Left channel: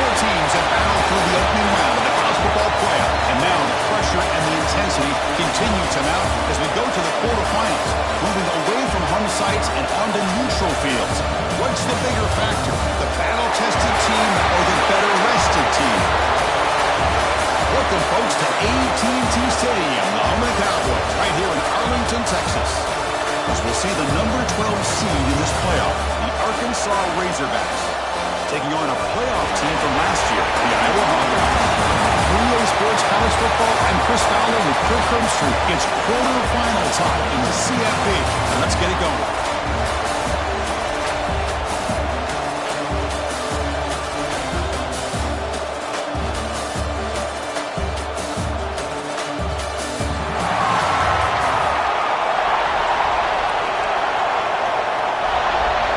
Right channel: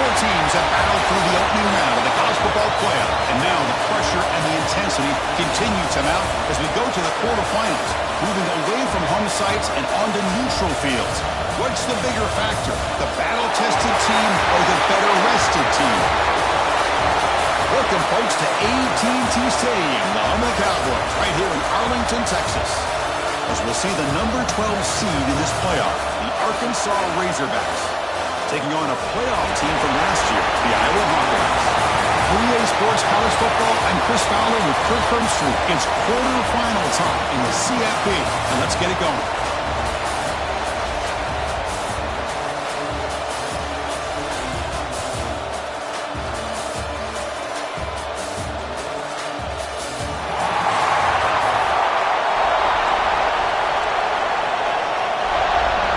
Four teams have battled through the opening round of the college football playoff, and now the pressure and the intensity continue to mount as we go to the quarterfinals, moving away from home sites and onto neutral fields. What's the bigger factor, the battle-tested team or the better-rested team? Welcome, folks, to AT&T Stadium, the home of the Cowboys, right here in Arlington, Texas, as we'll see the number 12 seed in this playoff, the Arkansas Razorbacks, taking on a playoff team from last year, the Iowa Hawkeyes. For EA Sports College Football, I'm Chris Fowler with Kirk Herbstreit. It's quarterfinal time in the CFP, and let's get it going.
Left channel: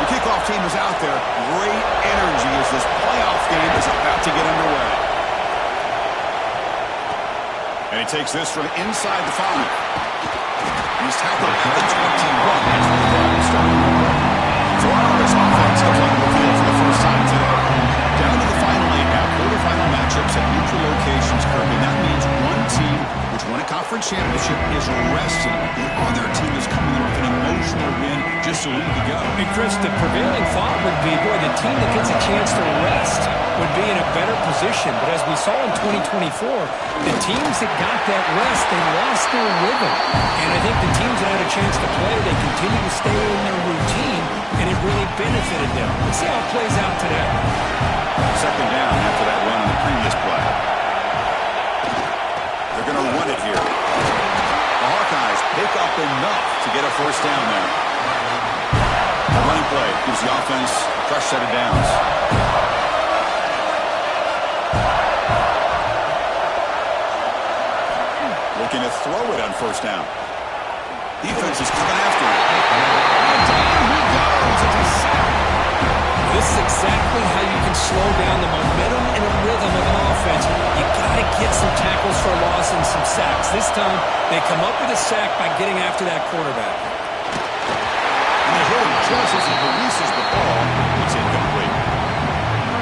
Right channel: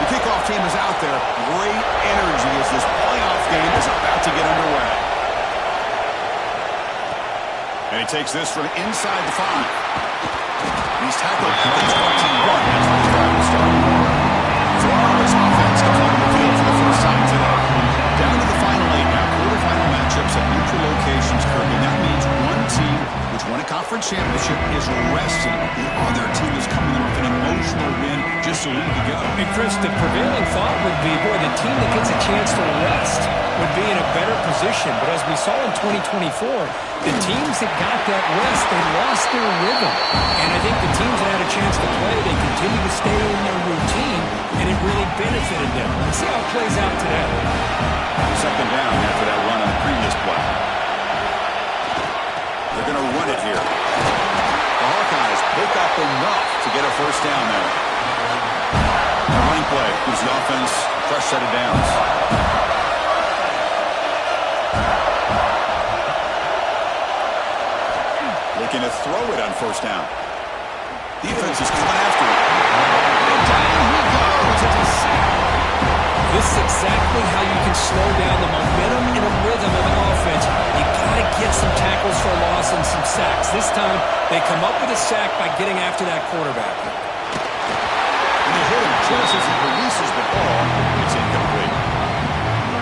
The kickoff team is out there. Great energy as this playoff game is about to get underway. And he takes this from inside the 5. And he's tackled at the 21. That's where the drive will start. So Iowa's offense comes onto the field for the first time today. Down to the final 8 now. Quarterfinal matchups at neutral locations, Kirby. That means one team which won a conference championship is resting. The other team is coming off an emotional win just a week ago. And Chris, the prevailing thought would be, boy, the team that gets a chance to rest would be in a better position. But as we saw in 2024, the teams that got that rest, they lost their rhythm. And I think the teams that had a chance to play, they continue to stay in their routine, and it really benefited them. Let's see how it plays out today. Second down after that run on the previous play. They're going to run it here. The Hawkeyes pick up enough to get a first down there. A running play gives the offense a fresh set of downs. Looking to throw it on first down. Defense is coming after him. And down he goes. It's a sack. This is exactly how you can slow down the momentum and a rhythm of an offense. You got to get some tackles for a loss and some sacks. This time, they come up with a sack by getting after that quarterback. And they hit him just as he releases the ball. It's incomplete.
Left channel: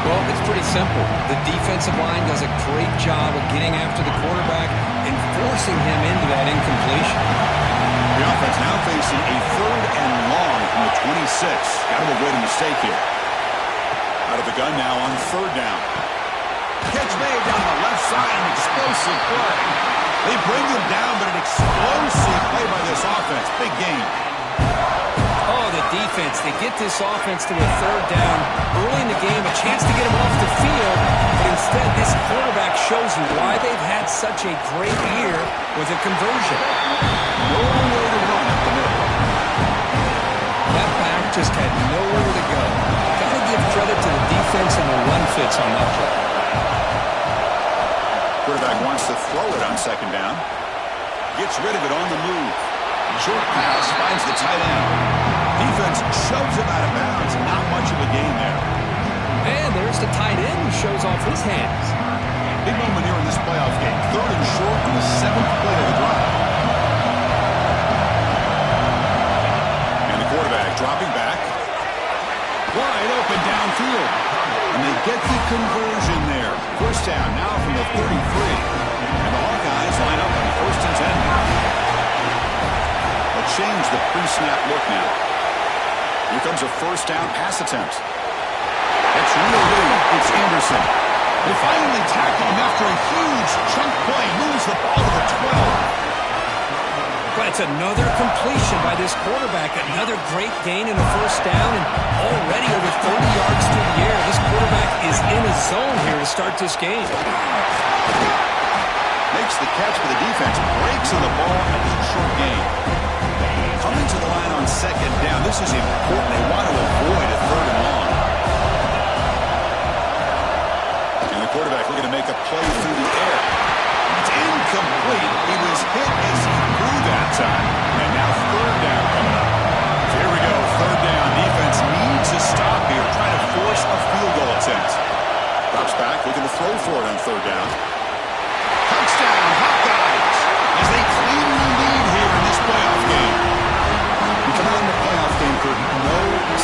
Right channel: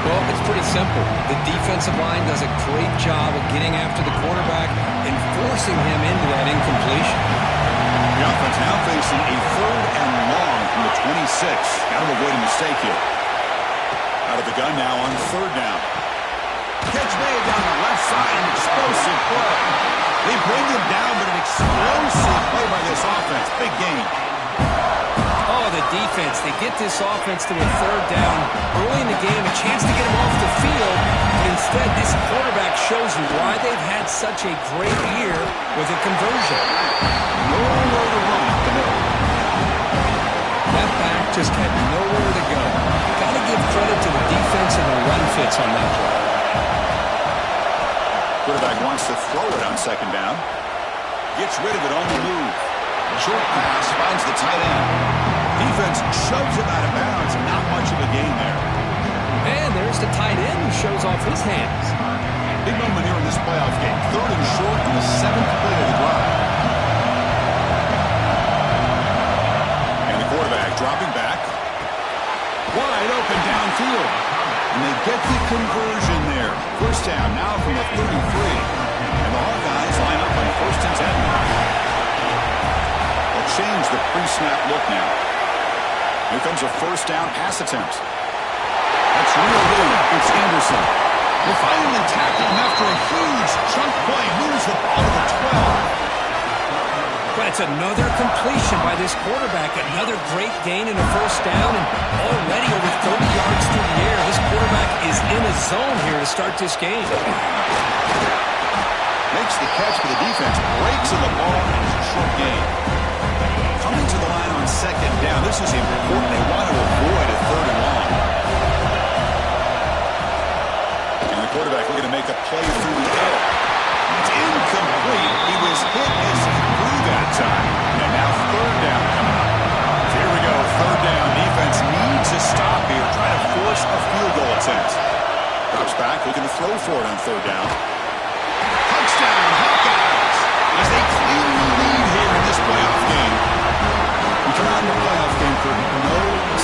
Well, it's pretty simple. The defensive line does a great job of getting after the quarterback and forcing him into that incompletion. The offense now facing a 3rd and long from the 26. Got to avoid a mistake here. Out of the gun now on 3rd down. Catch made down the left side, an explosive play. They bring him down, but an explosive play by this offense. Big gain. Oh, the defense. They get this offense to a 3rd down early in the game, a chance to get him off the field, but instead this quarterback shows you why they've had such a great year with a conversion. No way to run up the middle. That back just had nowhere to go. Got to give credit to the defense and the run fits on that play. Quarterback wants to throw it on 2nd down. Gets rid of it on the move. Short pass finds the tight end. Defense shoves him out of bounds. Not much of a gain there. And there's the tight end who shows off his hands. Big moment here in this playoff game. 3rd and short on the 7th play of the drive. And the quarterback dropping back. Wide open downfield. And they get the conversion there. First down now from the 33. And the Hawkeyes line up on 1st and 10. They'll change the pre-snap look now. Here comes a 1st down pass attempt. That's real big. It's Anderson. They finally tackle him after a huge chunk play. Moves the ball to the 12. But it's another completion by this quarterback. Another great gain in a 1st down, and already over 30 yards through the air. This quarterback is in a zone here to start this game. Makes the catch for the defense. Breaks on the ball, and it's a short gain. Coming to the line on 2nd down. This is important. They want to avoid a 3rd and long. And the quarterback looking to make a play through the air. It's incomplete. He was hit as he threw that time. And now 3rd down coming up. So here we go. 3rd down. Defense needs a stop here. Trying to force a field goal attempt. Drops back. Looking to throw for it on 3rd down. Touchdown, Hawkeyes. As they cleanly lead here in this playoff game. You come out in the playoff game for no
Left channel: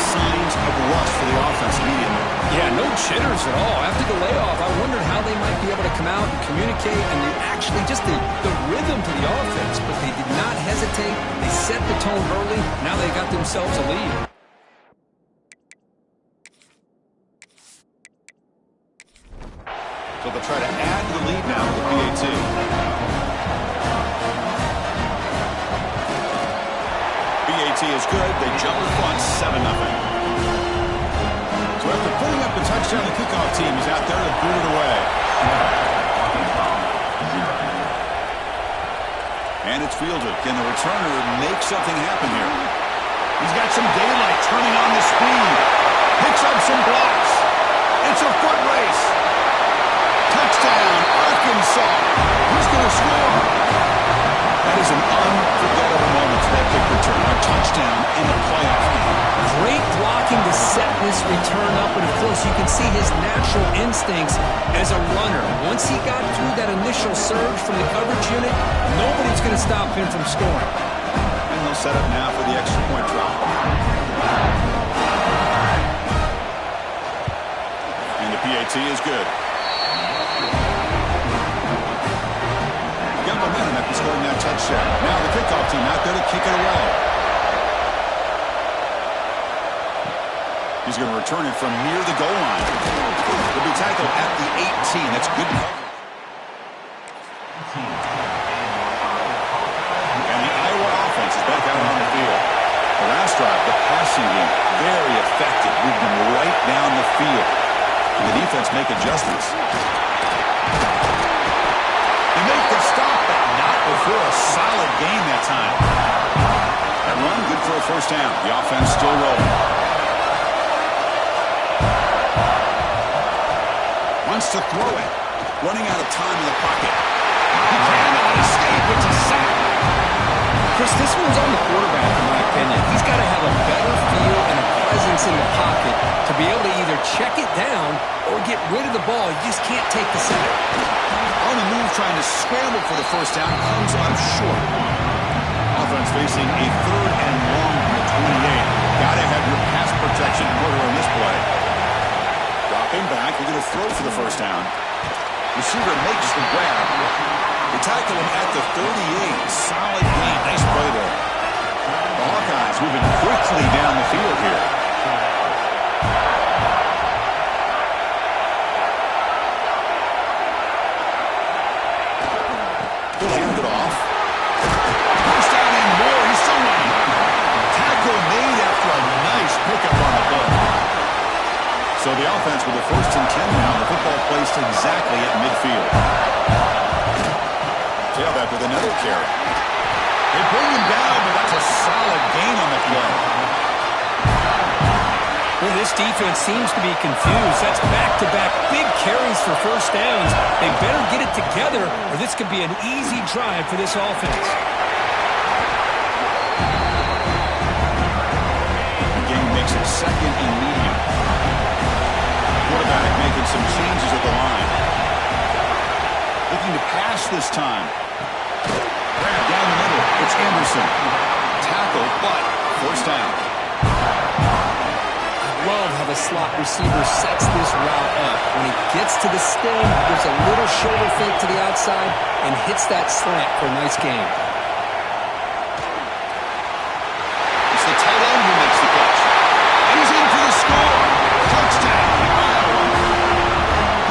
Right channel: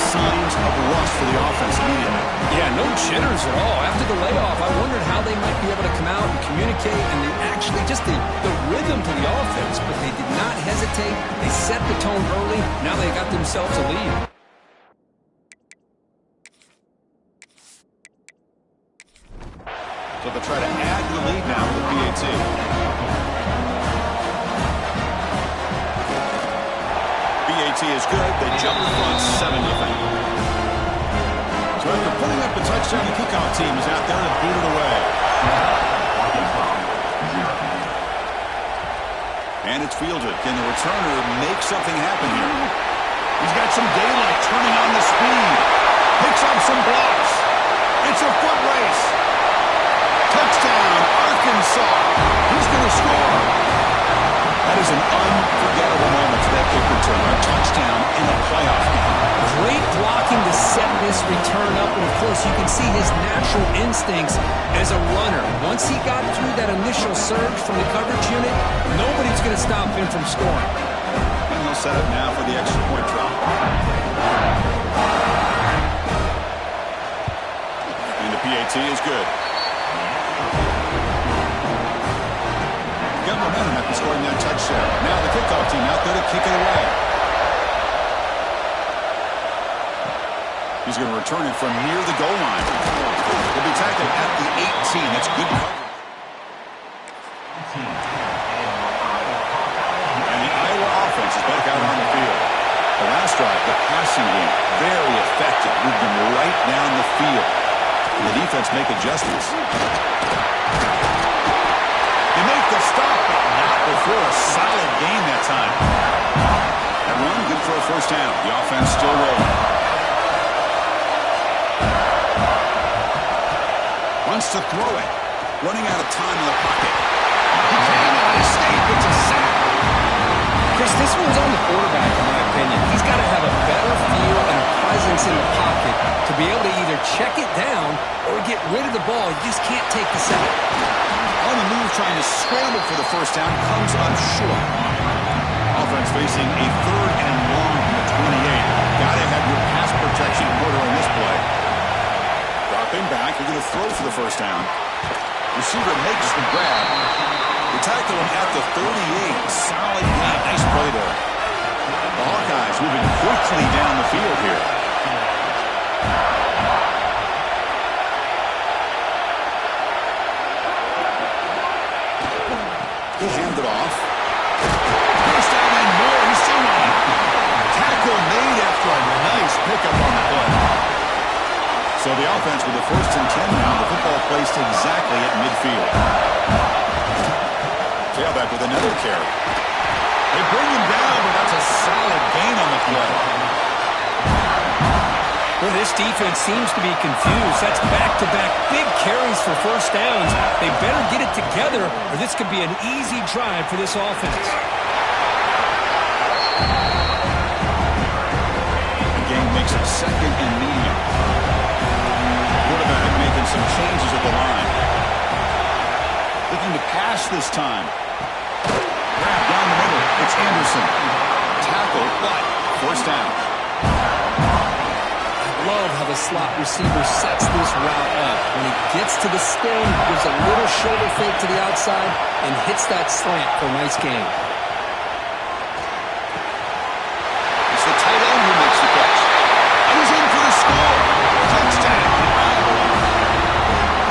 signs of rust for the offense immediately. Yeah, no jitters at all. After the layoff, I wondered how they might be able to come out and communicate, and they actually just the rhythm to the offense, but they did not hesitate. They set the tone early. Now they got themselves a lead. So they'll try to add to the lead now with the PAT. PAT is good. They jump in front 7-0. So after putting up the touchdown, the kickoff team is out there to boot it away. And it's fielded. Can the returner make something happen here? He's got some daylight turning on the speed. Picks up some blocks. It's a foot race. Touchdown, Arkansas. Who's going to score? That is an unforgettable moment for that kick return. A touchdown in a playoff game. Great blocking to set this return up, and of course you can see his natural instincts as a runner. Once he got through that initial surge from the coverage unit, nobody's going to stop him from scoring. And they'll set up now for the extra point drop. And the PAT is good. Got momentum after scoring that touchdown. Now the kickoff team out there to kick it away. He's going to return it from near the goal line. He'll be tackled at the 18. That's good coverage. And the Iowa offense is back out on the field. The last drive, the passing game, very effective. Moved them right down the field. And the defense make adjustments. They make the stop, but not before a solid game that time. That run, good for a first down. The offense still rolling. Wants to throw it. Running out of time in the pocket. He cannot escape. It's a sack. Chris, this one's on the quarterback, in my opinion. He's got to have a better feel and a presence in the pocket to be able to either check it down or get rid of the ball. You just can't take the sack. On the move, trying to scramble for the first down, comes up short. Offense facing a 3rd and long from the 28. Got to have your pass protection quarter in this play. Dropping back, we're going to throw for the first down. Receiver makes the grab. They tackle him at the 38. Solid game. Nice play there. The Hawkeyes moving quickly down the field here. He'll hand it off. First down and more. He's still running. Tackle made after a nice pickup on the play. So the offense with the 1st and 10 now. The football placed exactly at midfield. Tailback with another carry. They bring him down, but that's a solid gain on the play. Well, this defense seems to be confused. That's back-to-back big carries for first downs. They better get it together, or this could be an easy drive for this offense. The game makes it 2nd and medium. Quarterback making some changes at the line. Looking to pass this time. Grab down the middle. It's Anderson. Tackle, but first down. Love how the slot receiver sets this route up. When he gets to the stem, gives a little shoulder fake to the outside, and hits that slant for a nice gain. It's the tight end who makes the catch. And he's in for the score. Touchdown, Iowa.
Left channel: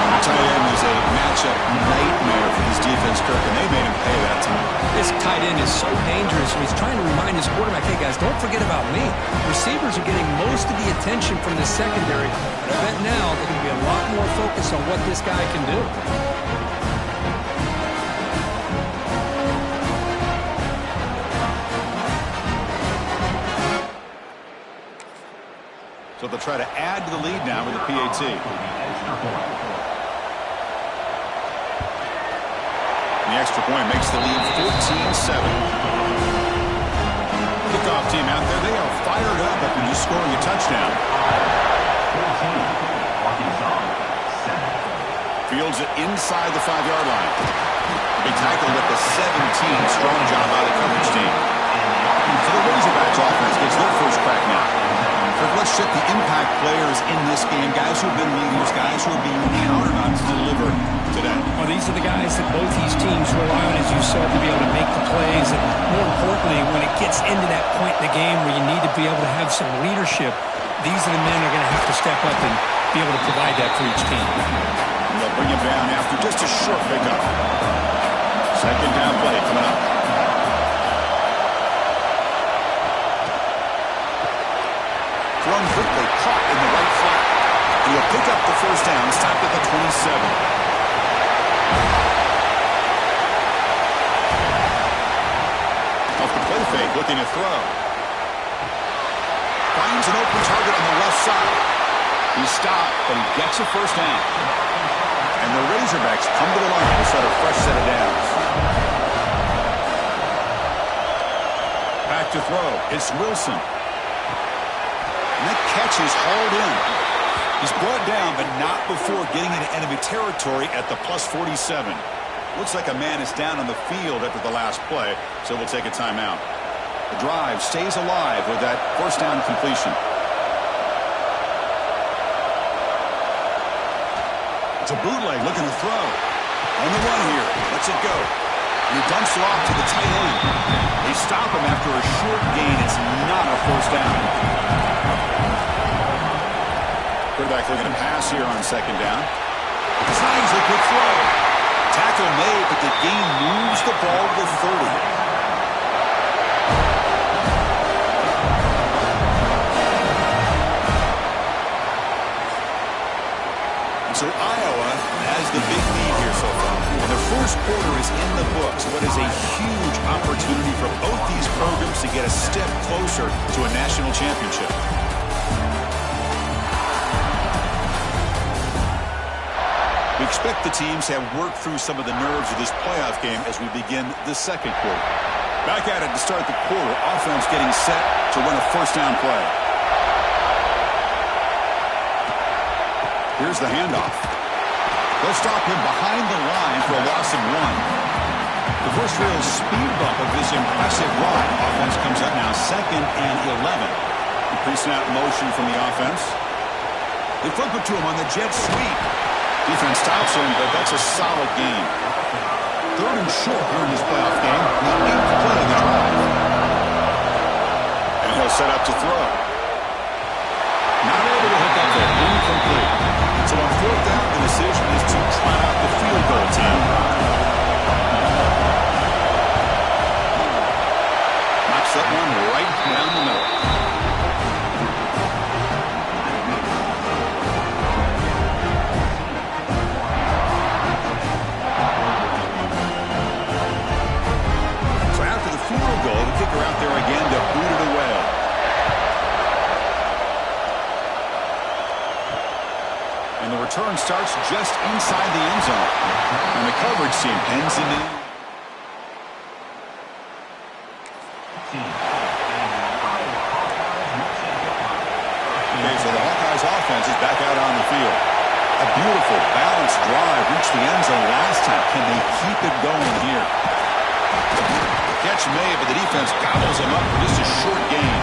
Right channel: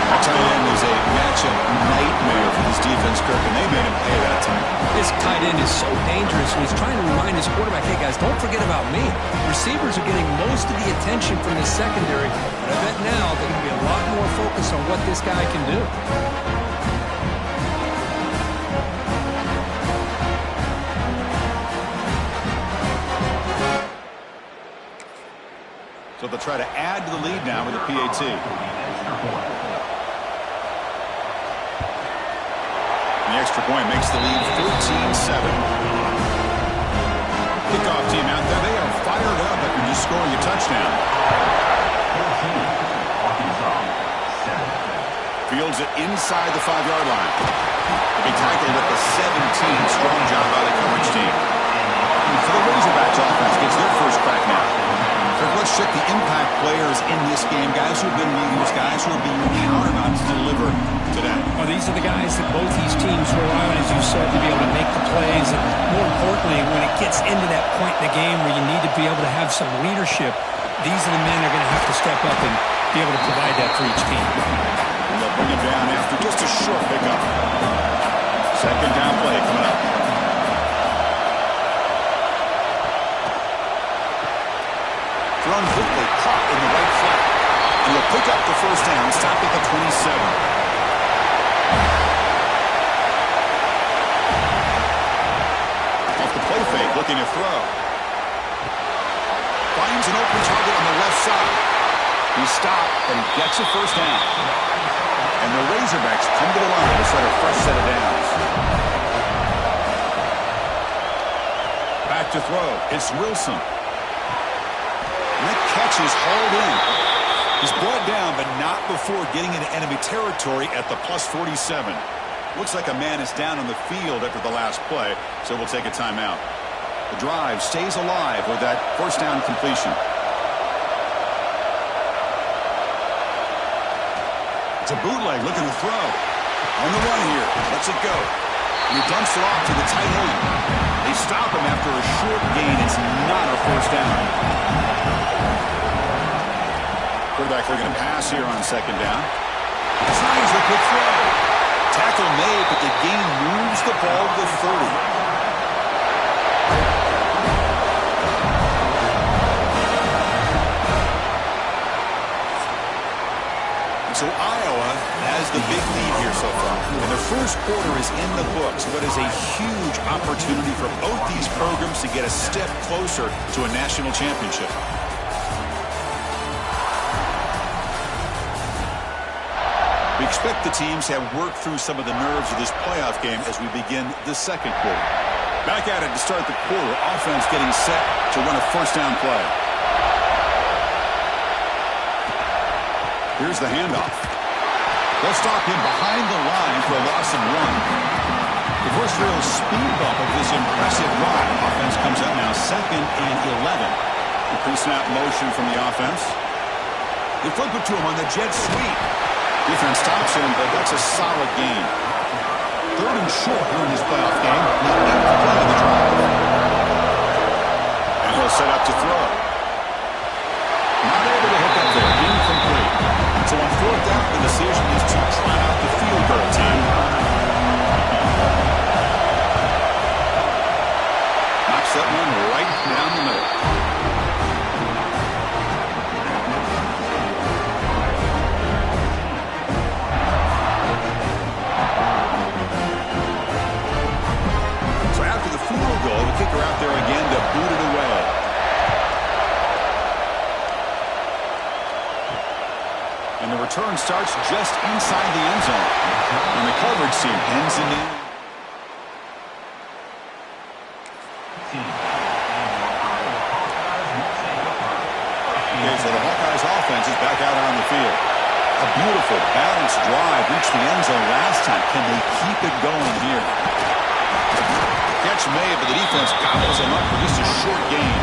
The tight end is a matchup nightmare for this defense, Kirk, and they made him pay that time. This tight end is so dangerous, and he's trying to remind his quarterback, hey, guys, don't forget about me. Receivers are getting most of the attention from this secondary, but I bet now they're going to be a lot more focused on what this guy can do. So they'll try to add to the lead now with the PAT. The extra point makes the lead 14-7. Kickoff team out there, they are fired up after just scoring a touchdown. Fields it inside the 5-yard line. He'll be tackled at the 17. Strong job by the coverage team. So the Razorbacks offense gets their first crack now. Let's check the impact players in this game. Guys who have been leaders, guys who are being counted on to deliver today. Well, these are the guys that both these teams rely on, as you said, to be able to make the plays. And more importantly, when it gets into that point in the game where you need to be able to have some leadership, these are the men that are going to have to step up and be able to provide that for each team. And they'll bring him down after just a short pickup. Second down play coming up. Thrown quickly, caught in the right flat. And he'll pick up the first down, stop at the 27. Off the play fake, looking to throw. Finds an open target on the left side. He's stopped, but he gets a first down. And the Razorbacks come to the line to set a fresh set of downs. Back to throw. It's Wilson. And that catch is hauled in. He's brought down, but not before getting into enemy territory at the plus 47. Looks like a man is down on the field after the last play, so we'll take a timeout. The drive stays alive with that first down completion. It's a bootleg looking to throw. On the run here. Lets it go. And he dumps it off to the tight end. They stop him after a short gain. It's not a first down. Quarterback looking to pass here on second down. Snides the quick throw. Tackle made, but the gain moves the ball to the 30. So Iowa has the big lead here so far. And the first quarter is in the books. What is a huge opportunity for both these programs to get a step closer to a national championship. We expect the teams to have worked through some of the nerves of this playoff game as we begin the second quarter. Back at it to start the quarter. Offense getting set to run a first down play. Here's the handoff. They'll stop him behind the line for a loss of 1. The first real speed bump of this impressive run. Offense comes up now 2nd and 11. Pre-snap motion from the offense. They flip it to him on the jet sweep. Defense stops him, but that's a solid gain. 3rd and short here in this playoff game. The 8th play of the drive. And he'll set up to throw. Not able to hook up there. Incomplete. So on 4th down, the decision is to try out the field goal team. Knocks that one right down the middle. So after the field goal, the kicker out there again to boot it away. And the return starts just inside the end zone. And the coverage team pens it in. Okay, so the Hawkeyes offense is back out on the field. A beautiful, balanced drive reached the end zone last time. Can they keep it going here? Catch made, but the defense gobbles him up for just a short gain.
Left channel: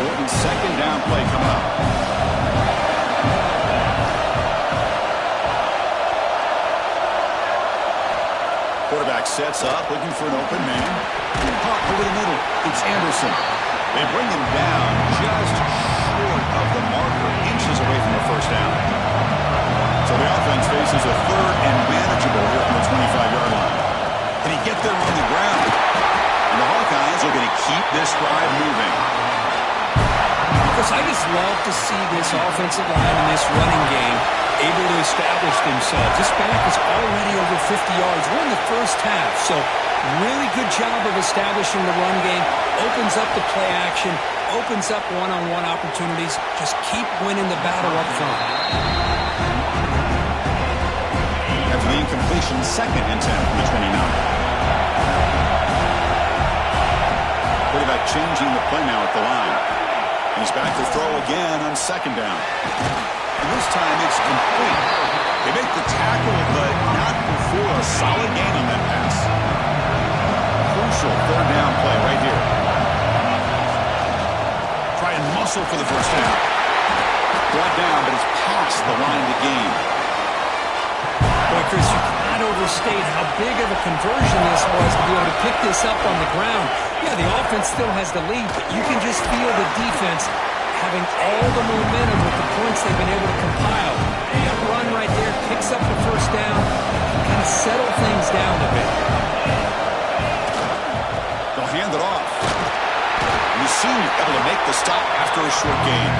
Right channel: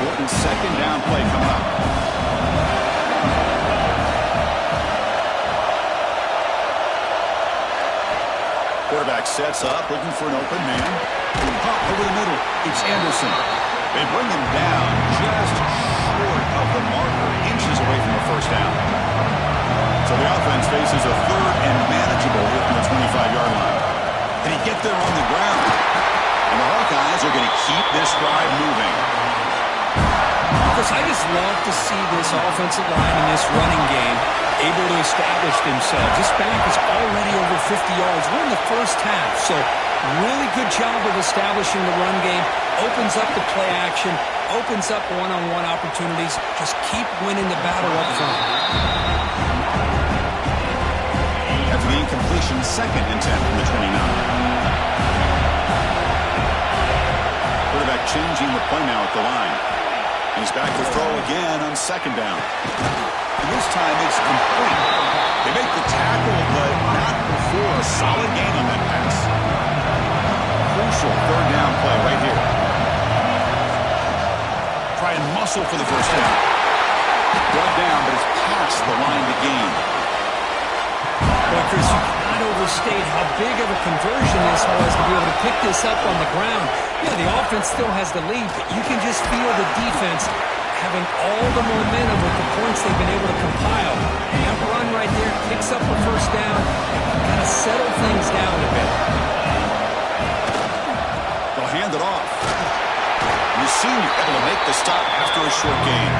Important second down play coming up. Quarterback sets up, looking for an open man. Pop over the middle. It's Anderson. They bring him down just short of the marker, inches away from the first down. So the offense faces a 3rd and manageable here from the 25-yard line. Can he get there on the ground? And the Hawkeyes are going to keep this drive moving. Because I just love to see this offensive line in this running game able to establish themselves. This back is already over 50 yards. We're in the first half, so really good job of establishing the run game. Opens up the play action, opens up one-on-one opportunities. Just keep winning the battle up front. After the incompletion, 2nd and 10 from the 29. Quarterback changing the play now at the line. He's back to throw again on 2nd down. And this time it's complete. They make the tackle, but not before a solid gain on that pass. Crucial 3rd down play right here. Try try and muscle for the first down. Brought down, but it's past the line to gain. Boy, Chris, you cannot overstate how big of a conversion this was to be able to pick this up on the ground. Yeah, the offense still has the lead, but you can just feel the defense having all the momentum with the points they've been able to compile. And that run right there picks up a first down and can kind of settle things down a bit. They'll hand it off. And the senior able to make the stop after a short gain.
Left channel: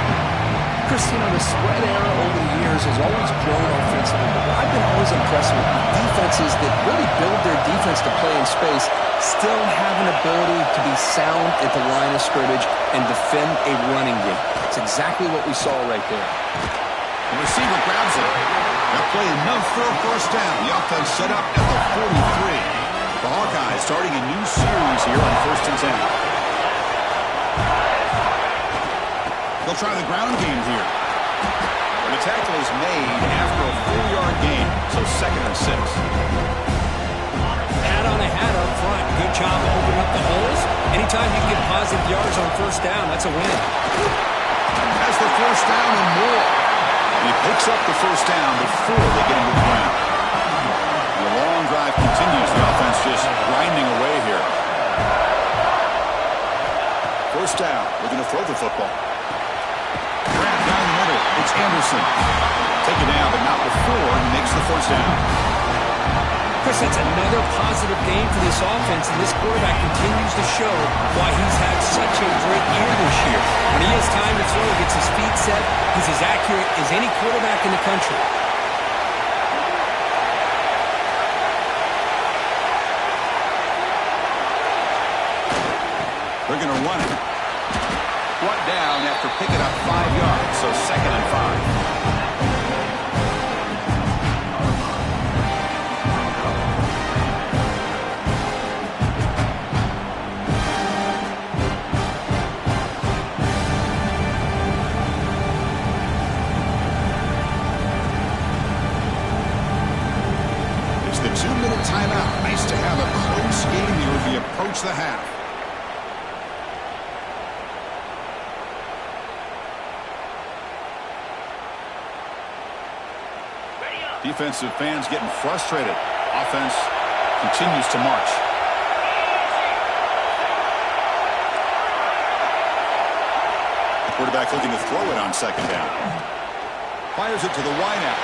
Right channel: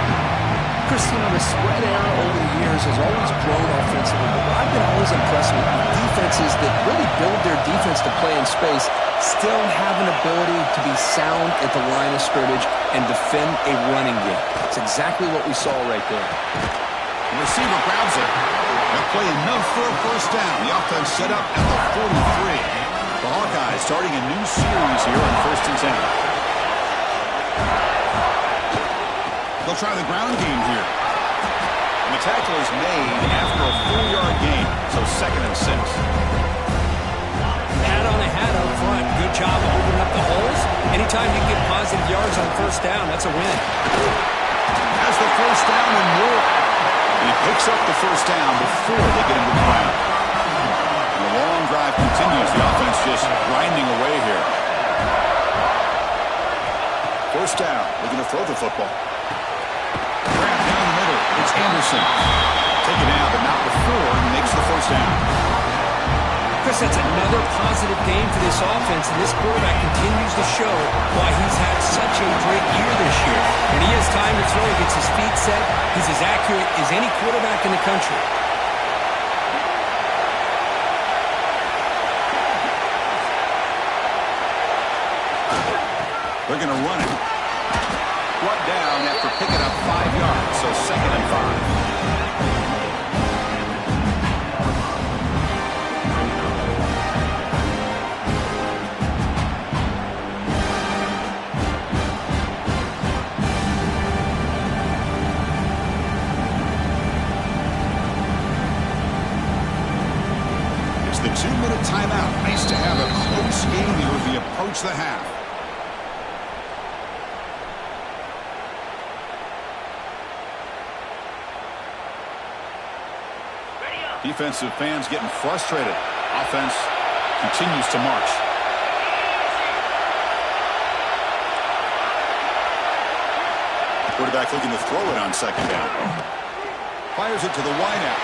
Chris, the spread era over the years has always grown offensively, but what I've been always impressed with defenses that really build their defense to play in space still have an ability to be sound at the line of scrimmage and defend a running game. It's exactly what we saw right there. The receiver grabs it. They'll play enough for a first down. The offense set up at the 43. The Hawkeyes starting a new series here on 1st and 10. They'll try the ground game here. And the tackle is made after a 4-yard gain, so 2nd and 6. Hat on a hat up front. Good job opening up the holes. Anytime you can get positive yards on first down, that's a win. Has the first down and more. And he picks up the first down before they get into the ground. And the long drive continues. The offense just grinding away here. First down. Looking to throw the football. Grab down the middle. It's Anderson. Take it down, but not before he makes the first down. Chris, that's another positive game for this offense, and this quarterback continues to show why he's had such a great year this year. When he has time to throw, he gets his feet set. He's as accurate as any quarterback in the country. They're going to run it. Brought down after picking up 5 yards, so 2nd and 5. It's the 2-minute timeout. Nice to have a close game here as we approach the half. Defensive fans getting frustrated. Offense continues to march. Quarterback looking to throw it on 2nd down. Fires it to the wideout.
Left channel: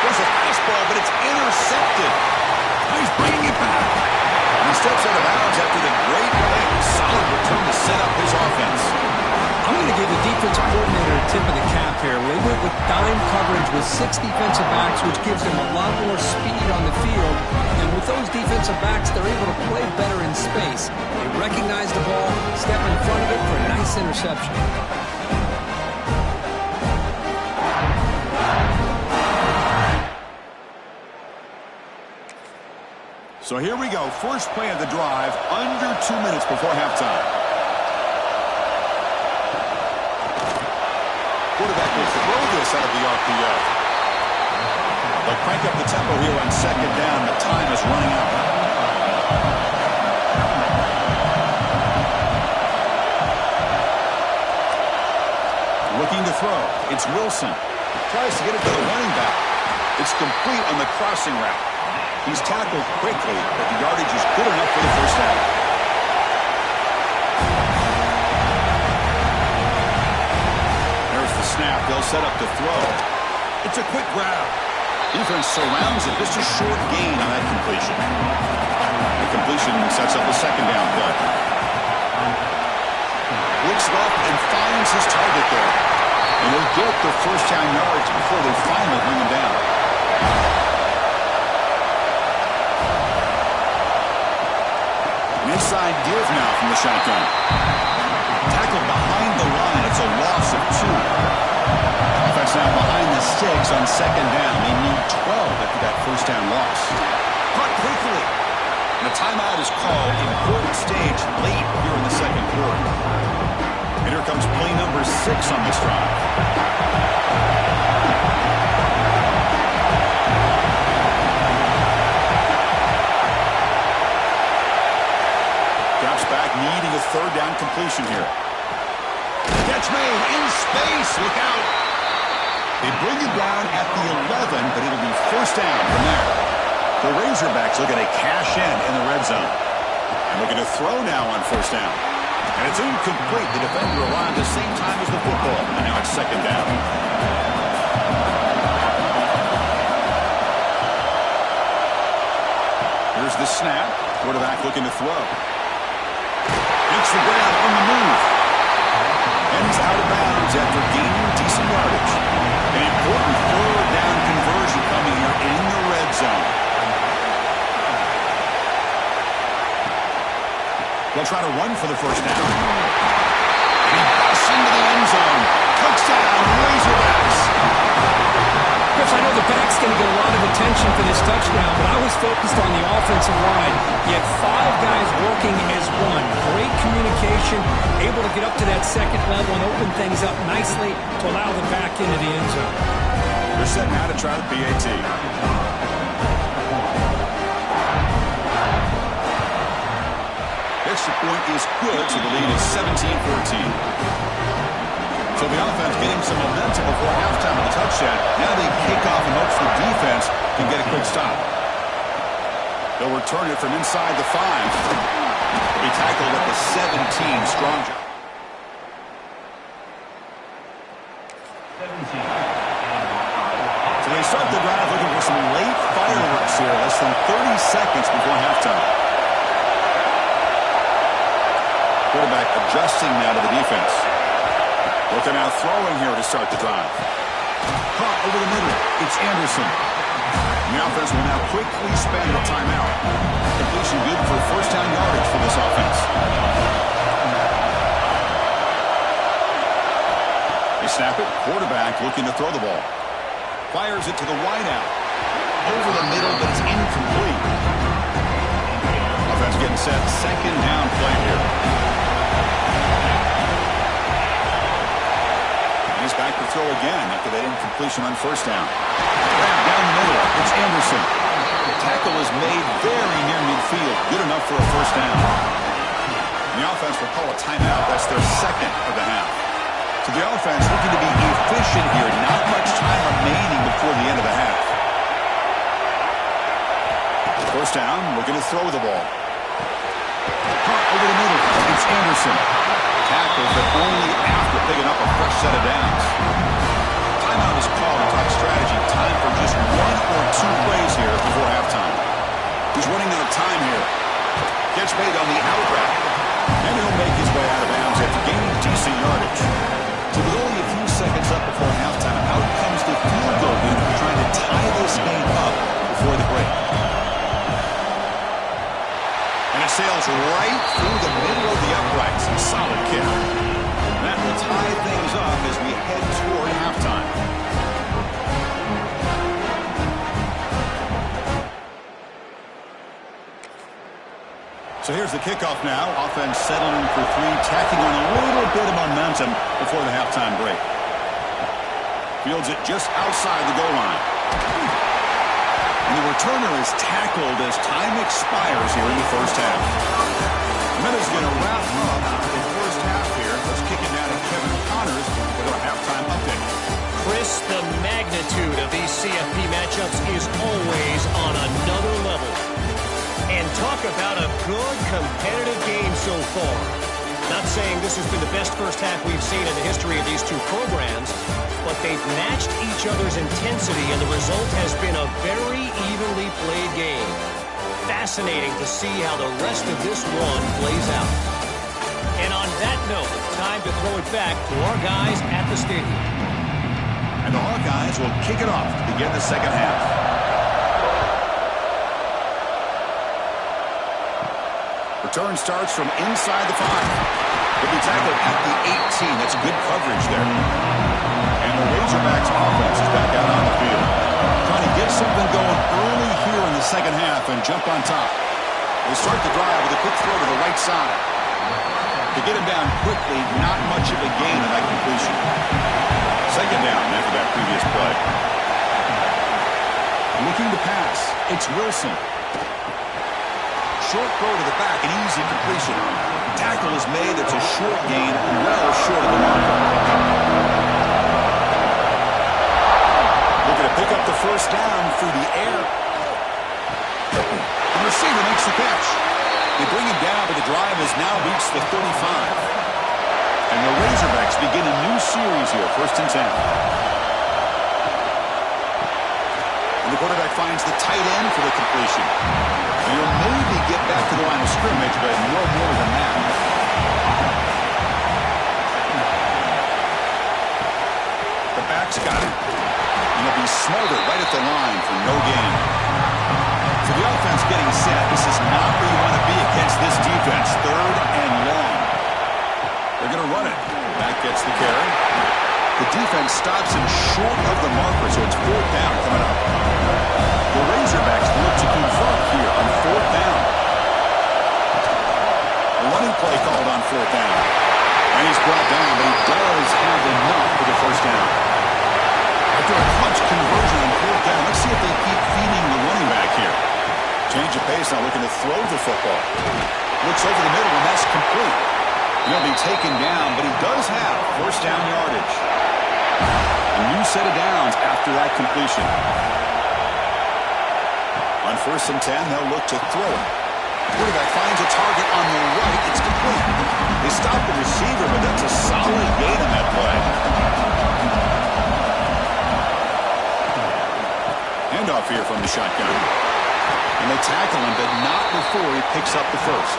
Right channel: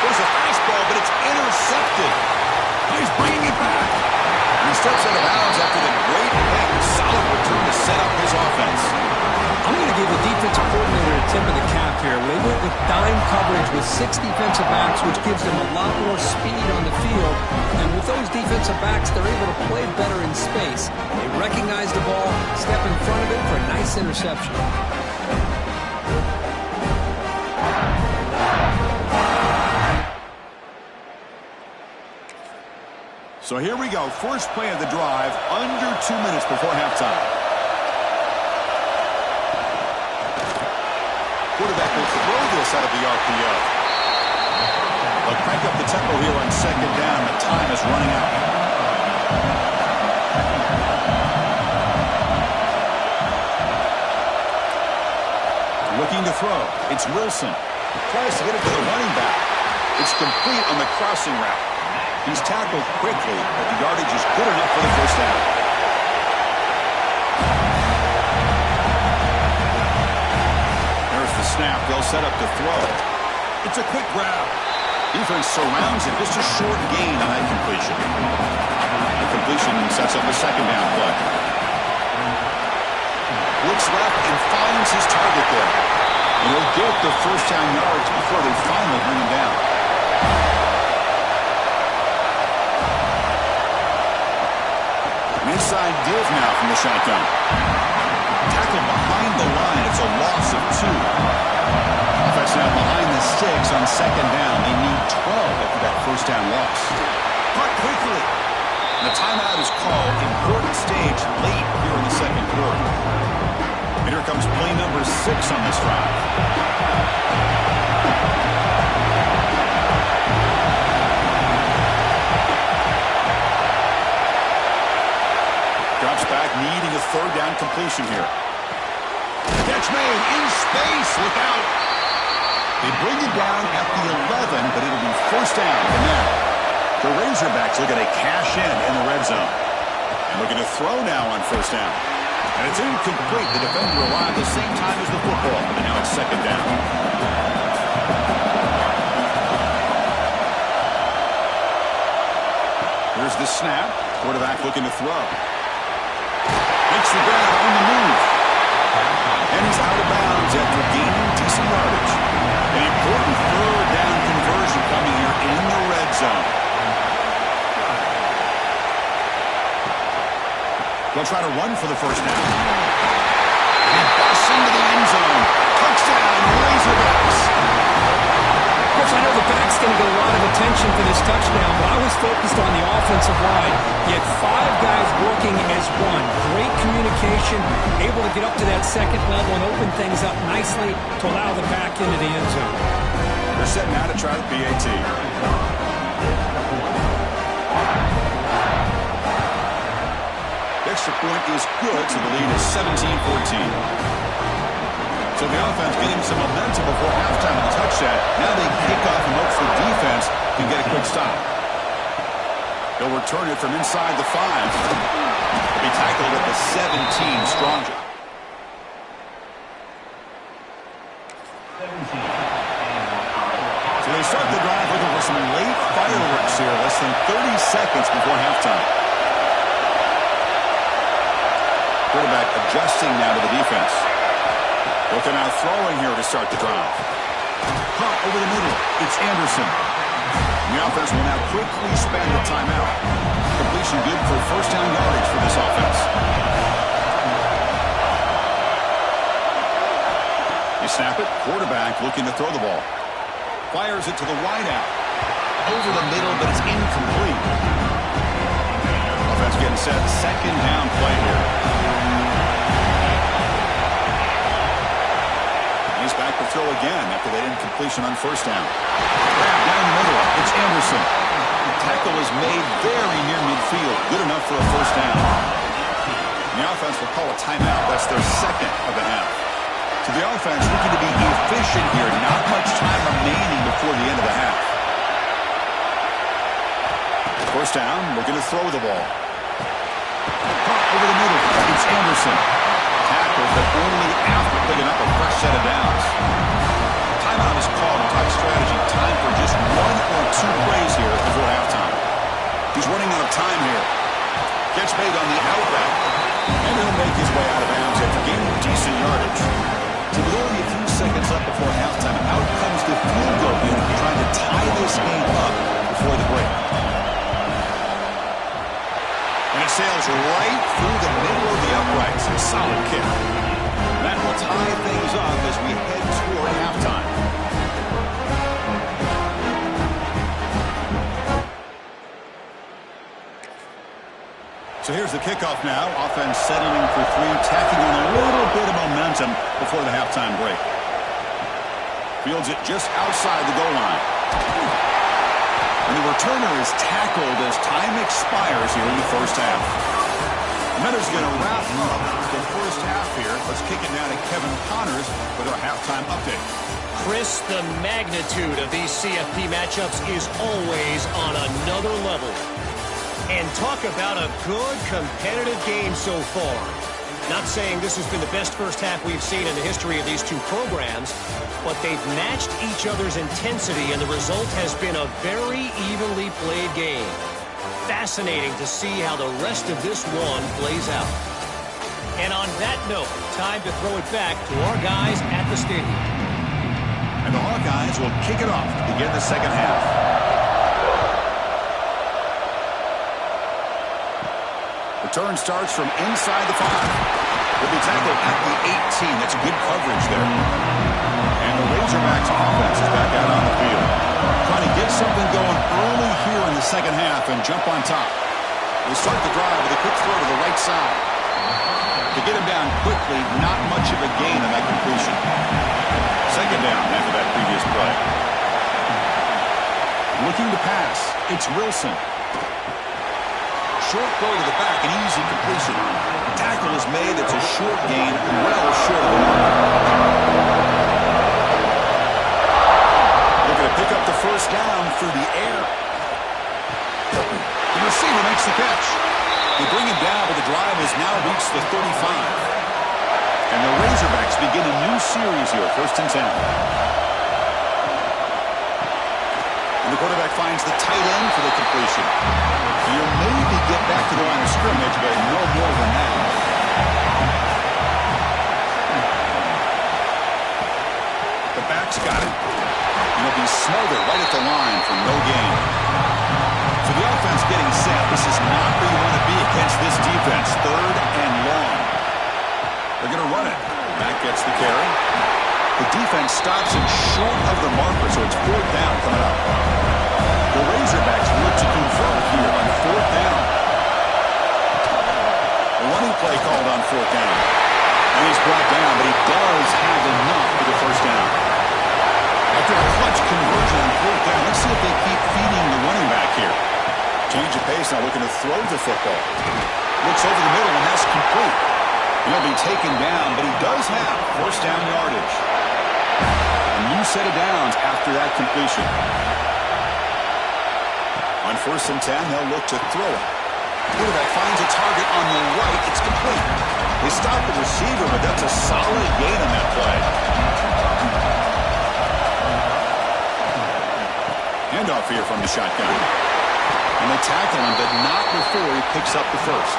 There's a fastball, but it's intercepted. Oh, he's bringing it back. And he steps out of bounds after the great pick. Solid return to set up his offense. I'm going to give the defensive coordinator a tip of the cap here. They went with dime coverage with 6 defensive backs, which gives them a lot more speed on the field. And with those defensive backs, they're able to play better in space. They recognize the ball, step in front of it for a nice interception. So here we go. First play of the drive, under 2 minutes before halftime. Quarterback will throw this out of the RPO. They'll crank up the tempo here on 2nd down. The time is running out. Looking to throw. It's Wilson. Tries to get it to the running back. It's complete on the crossing route. He's tackled quickly, but the yardage is good enough for the first down. There's the snap. They'll set up to throw. It's a quick grab. Defense surrounds it. Just a short gain on that completion. The completion sets up a 2nd down play. Looks left and finds his target there. And he'll get the first down yards before they finally bring him down. Inside give now from the shotgun. Tackled behind the line. It's a loss of 2. Offense now behind the sticks on 2nd down. They need 12 after that first down loss. Caught quickly. And the timeout is called. Important stage late here in the 2nd quarter. And here comes play number 6 on this drive. Drops back, needing a 3rd down completion here. Gets catch made in space. Look out. They bring it down at the 11, but it'll be first down from there. The Razorbacks looking to cash in the red zone. And looking to throw now on first down. And it's incomplete. The defender arrived at the same time as the football. And now it's second down. Here's the snap. Quarterback looking to throw. Makes the grab on the move. And he's out of bounds after gaining decent yardage. An important third down conversion coming here in the red zone. They'll try to run for the first down. And he busts into the end zone. Touchdown, Razorbacks. Chris, I know the back's going to get a lot of attention for this touchdown, but I was focused on the offensive line. You had 5 guys working as one. Great communication, able to get up to that second level and open things up nicely to allow the back into the end zone. They're set now to try the PAT. Extra point is good, so the lead is 17-14. So the offense getting some momentum before halftime of the touchdown. Now they kick off and hopes the defense can get a quick stop. They'll return it from inside the 5. They'll be tackled at the 17. Strong job. 17. So they start the drive looking for some late fireworks here. Less than 30 seconds before halftime. Quarterback adjusting now to the defense. Looking out throwing here to start the drive. Caught over the middle. It's Anderson. And the offense will now quickly spend a timeout. Completion good for first down yardage for this offense. They snap it. Quarterback looking to throw the ball. Fires it to the wideout. Over the middle, but it's incomplete. Offense getting set. Second down play here. He's back to throw again after that incompletion on first down. Grab down the middle. It's Anderson. The tackle is made very near midfield. Good enough for a first down. And the offense will call a timeout. That's their second of the half. So the offense looking to be efficient here. Not much time remaining before the end of the half. First down, looking to throw the ball. Caught over the middle. It's Anderson. Tackle, but only after picking up a fresh set of downs. Timeout is called in top strategy. Time for just 1 or 2 plays here before halftime. He's running out of time here. Catch made on the out route. And he'll make his way out of bounds after gaining decent yardage. So with only a few seconds left before halftime, out comes the field goal unit trying to tie this game up before the break. And it sails right through the middle of the uprights. A solid kick. That will tie things up as we head toward halftime. So here's the kickoff now. Offense settling for 3, tacking on a little bit of momentum before the halftime break. Fields it just outside the goal line. And the returner is tackled as time expires here in the first half. Minutes going to wrap up the first half here. Let's kick it now to Kevin Connors with our halftime update. Chris, the magnitude of these CFP matchups is always on another level. And talk about a good competitive game so far. Not saying this has been the best first half we've seen in the history of these two programs, but they've matched each other's intensity, and the result has been a very evenly played game. Fascinating to see how the rest of this one plays out. And on that note, time to throw it back to our guys at the stadium. And the Hawkeyes will kick it off to begin the second half. Return starts from inside the 5. Will be tackled at the 18. That's good coverage there. And the Razorbacks offense is back out on the field. Trying to get something going early here in the second half and jump on top. They start the drive with a quick throw to the right side. To get him down quickly, not much of a gain on that completion. Second down after that previous play. Looking to pass. It's Wilson. Short throw to the back, an easy completion. Tackle is is made. It's a short gain, well short of the marker. Looking to pick up the first down through the air. The receiver makes the catch. They bring him down, but the drive has now reached the 35. And the Razorbacks begin a new series here, 1st and 10. And the quarterback finds the tight end for the completion. He'll maybe get back to the line of scrimmage, but no more than that. The back's got it. And he'll be smothered right at the line for no gain. So the offense getting set. This is not where you want to be against this defense. 3rd and long. They're going to run it. Back gets the carry. The defense stops him short of the marker, so it's 4th down coming up. The Razorbacks look to convert here on 4th down. A running play called on 4th down. And he's brought down, but he does have enough for the first down. After a clutch conversion on 4th down, let's see if they keep feeding the running back here. Change of pace, now looking to throw the football. Looks over the middle, and that's complete. He'll be taken down, but he does have first down yardage. A new set of downs after that completion. On 1st and 10, they'll look to throw it. Quarterback finds a target on the right. It's complete. They stop the receiver, but that's a solid gain on that play. Handoff here from the shotgun. And they tackle him, but not before he picks up the first.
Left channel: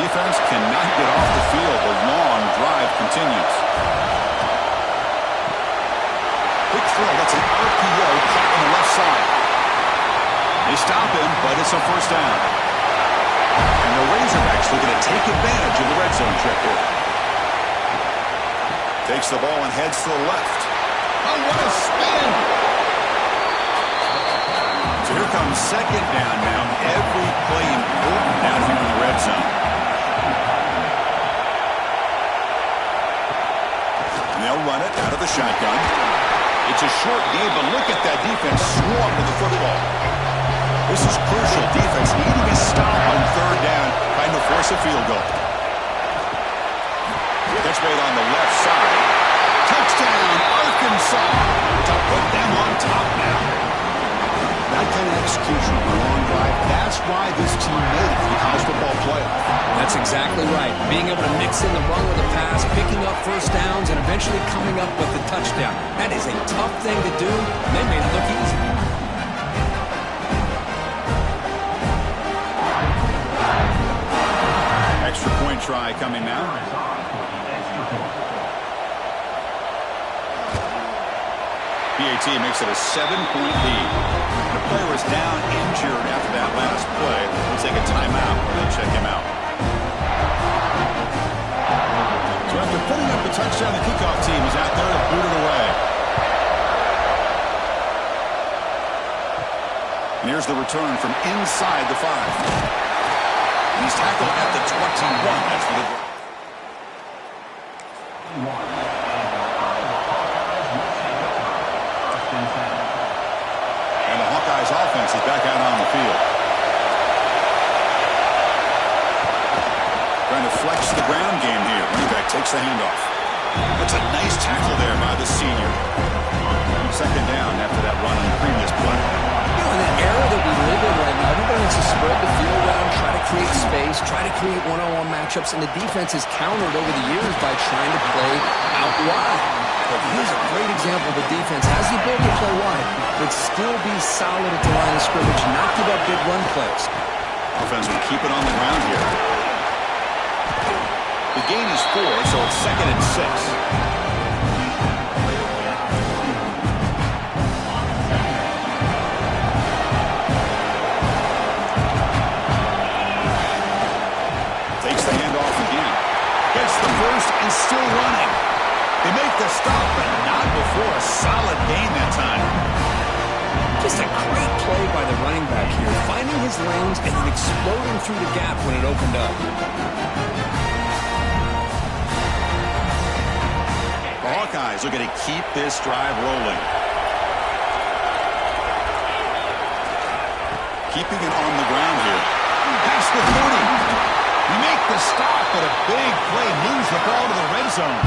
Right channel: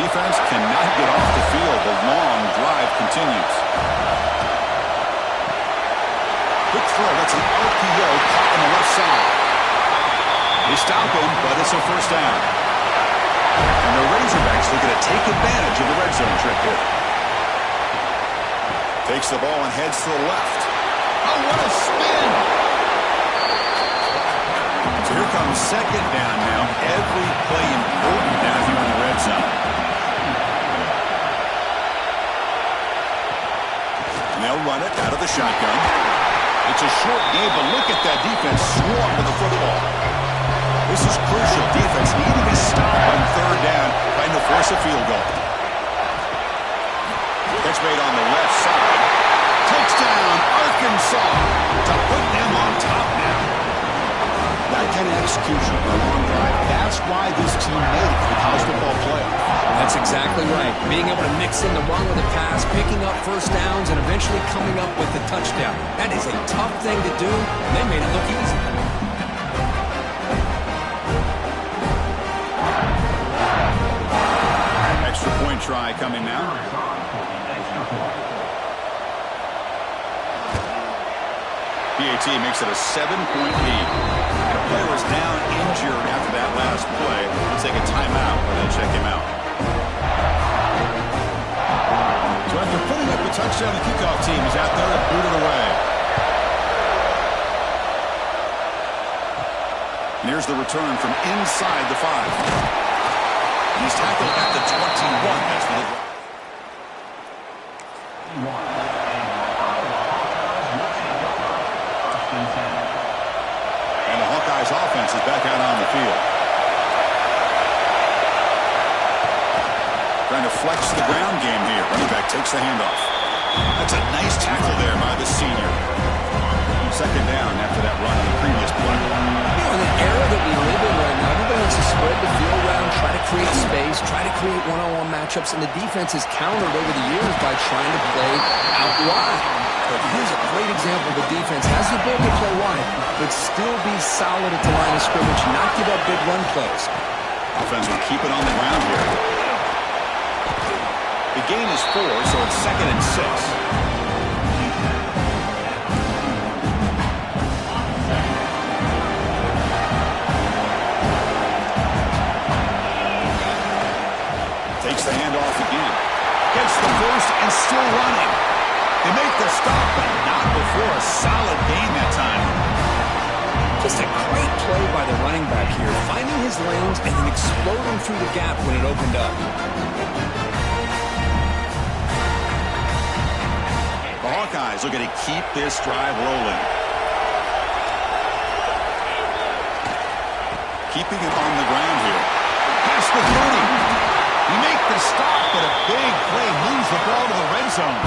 Defense cannot get off the field. The long drive continues. Quick throw. That's an RPO caught on the left side. They stop him, but it's a first down. And the Razorbacks looking to take advantage of the red zone trick here. Takes the ball and heads to the left. Oh, what a spin! So here comes 2nd down now. Every play important down here in the red zone. And they'll run it out of the shotgun. It's a short game, but look at that defense swarm to the football. This is crucial. Defense needing a stop on 3rd down, trying to force a field goal. Catch made on the left side. Touchdown, Arkansas, to put them on top now. That kind of execution on a long drive, that's why this team made it to the college football playoff. That's exactly right. Being able to mix in the run with the pass, picking up first downs, and eventually coming up with the touchdown. That is a tough thing to do, and they made it look easy. Extra point try coming now. PAT makes it a 7-point lead. And a player was down injured after that last play. We'll take a timeout while they check him out. So after putting up the touchdown, the kickoff team is out there to boot it away. And here's the return from inside the 5. He's tackled at the 21. That's for the drive. And the Hawkeyes offense is back out on the field. Trying to flex the ground game here. Running back takes the handoff. That's a nice tackle there by the senior. 2nd down after that run on the previous play. You know, in the era that we live in right now, everybody wants to spread the field around, try to create space, try to create one-on-one matchups, and the defense has countered over the years by trying to play out wide. But here's a great example of a defense has the ability to play wide, but still be solid at the line of scrimmage, not give up big run plays. Offense will keep it on the ground here. The gain is 4, so it's 2nd and 6. Takes the handoff again. Gets the first and still running. They make the stop, but not before a solid gain that time. Just a great play by the running back here, finding his lanes and then exploding through the gap when it opened up. The Hawkeyes looking to keep this drive rolling. Keeping it on the ground here. Past the 30. We make the stop, but a big play moves the ball to the red zone.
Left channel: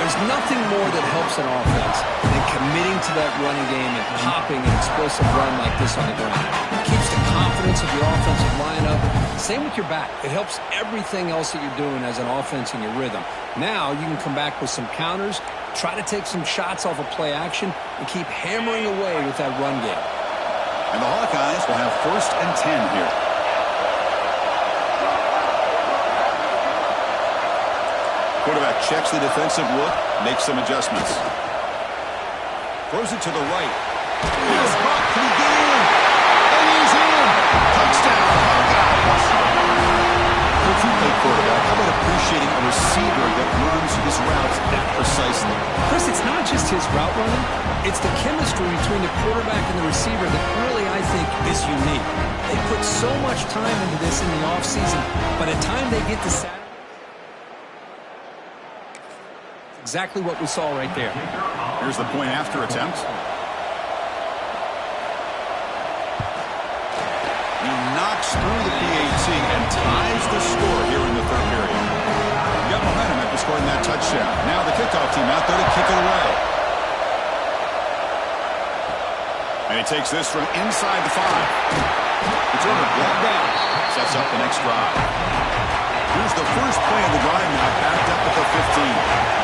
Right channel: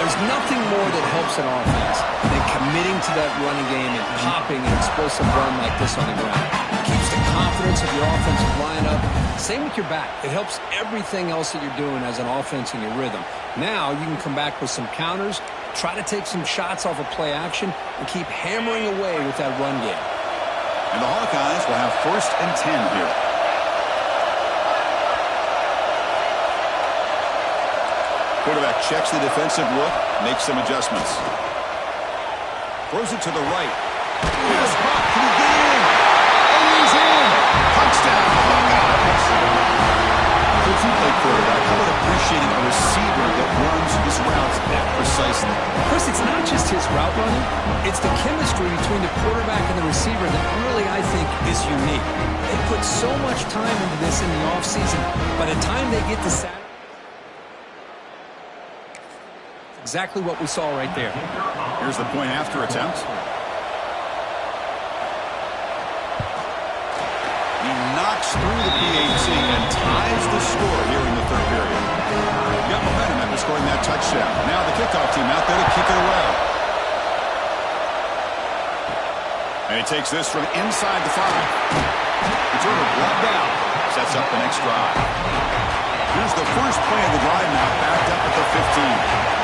There's nothing more that helps an offense than committing to that running game and popping an explosive run like this on the ground. It keeps the confidence of your offensive lineup. Same with your back. It helps everything else that you're doing as an offense in your rhythm. Now you can come back with some counters, try to take some shots off of play action, and keep hammering away with that run game. And the Hawkeyes will have 1st and 10 here. Quarterback checks the defensive look, makes some adjustments. Throws it to the right. Here's Buck. Can he get in? And he's in. Touchdown, Hawkeyes. Coach, you play quarterback. How about appreciating a receiver that runs his routes that precisely? Chris, it's not just his route running. It's the chemistry between the quarterback and the receiver that really, I think, is unique. They put so much time into this in the offseason. By the time they get to Saturday, exactly what we saw right there. Here's the point after attempt. He knocks through the PAT and ties the score here in the 3rd period. We got momentum after scoring that touchdown. Now the kickoff team out there to kick it away. And he takes this from inside the 5. Returner blocked out. Sets up the next drive. Here's the first play of the drive now, backed up at the 15.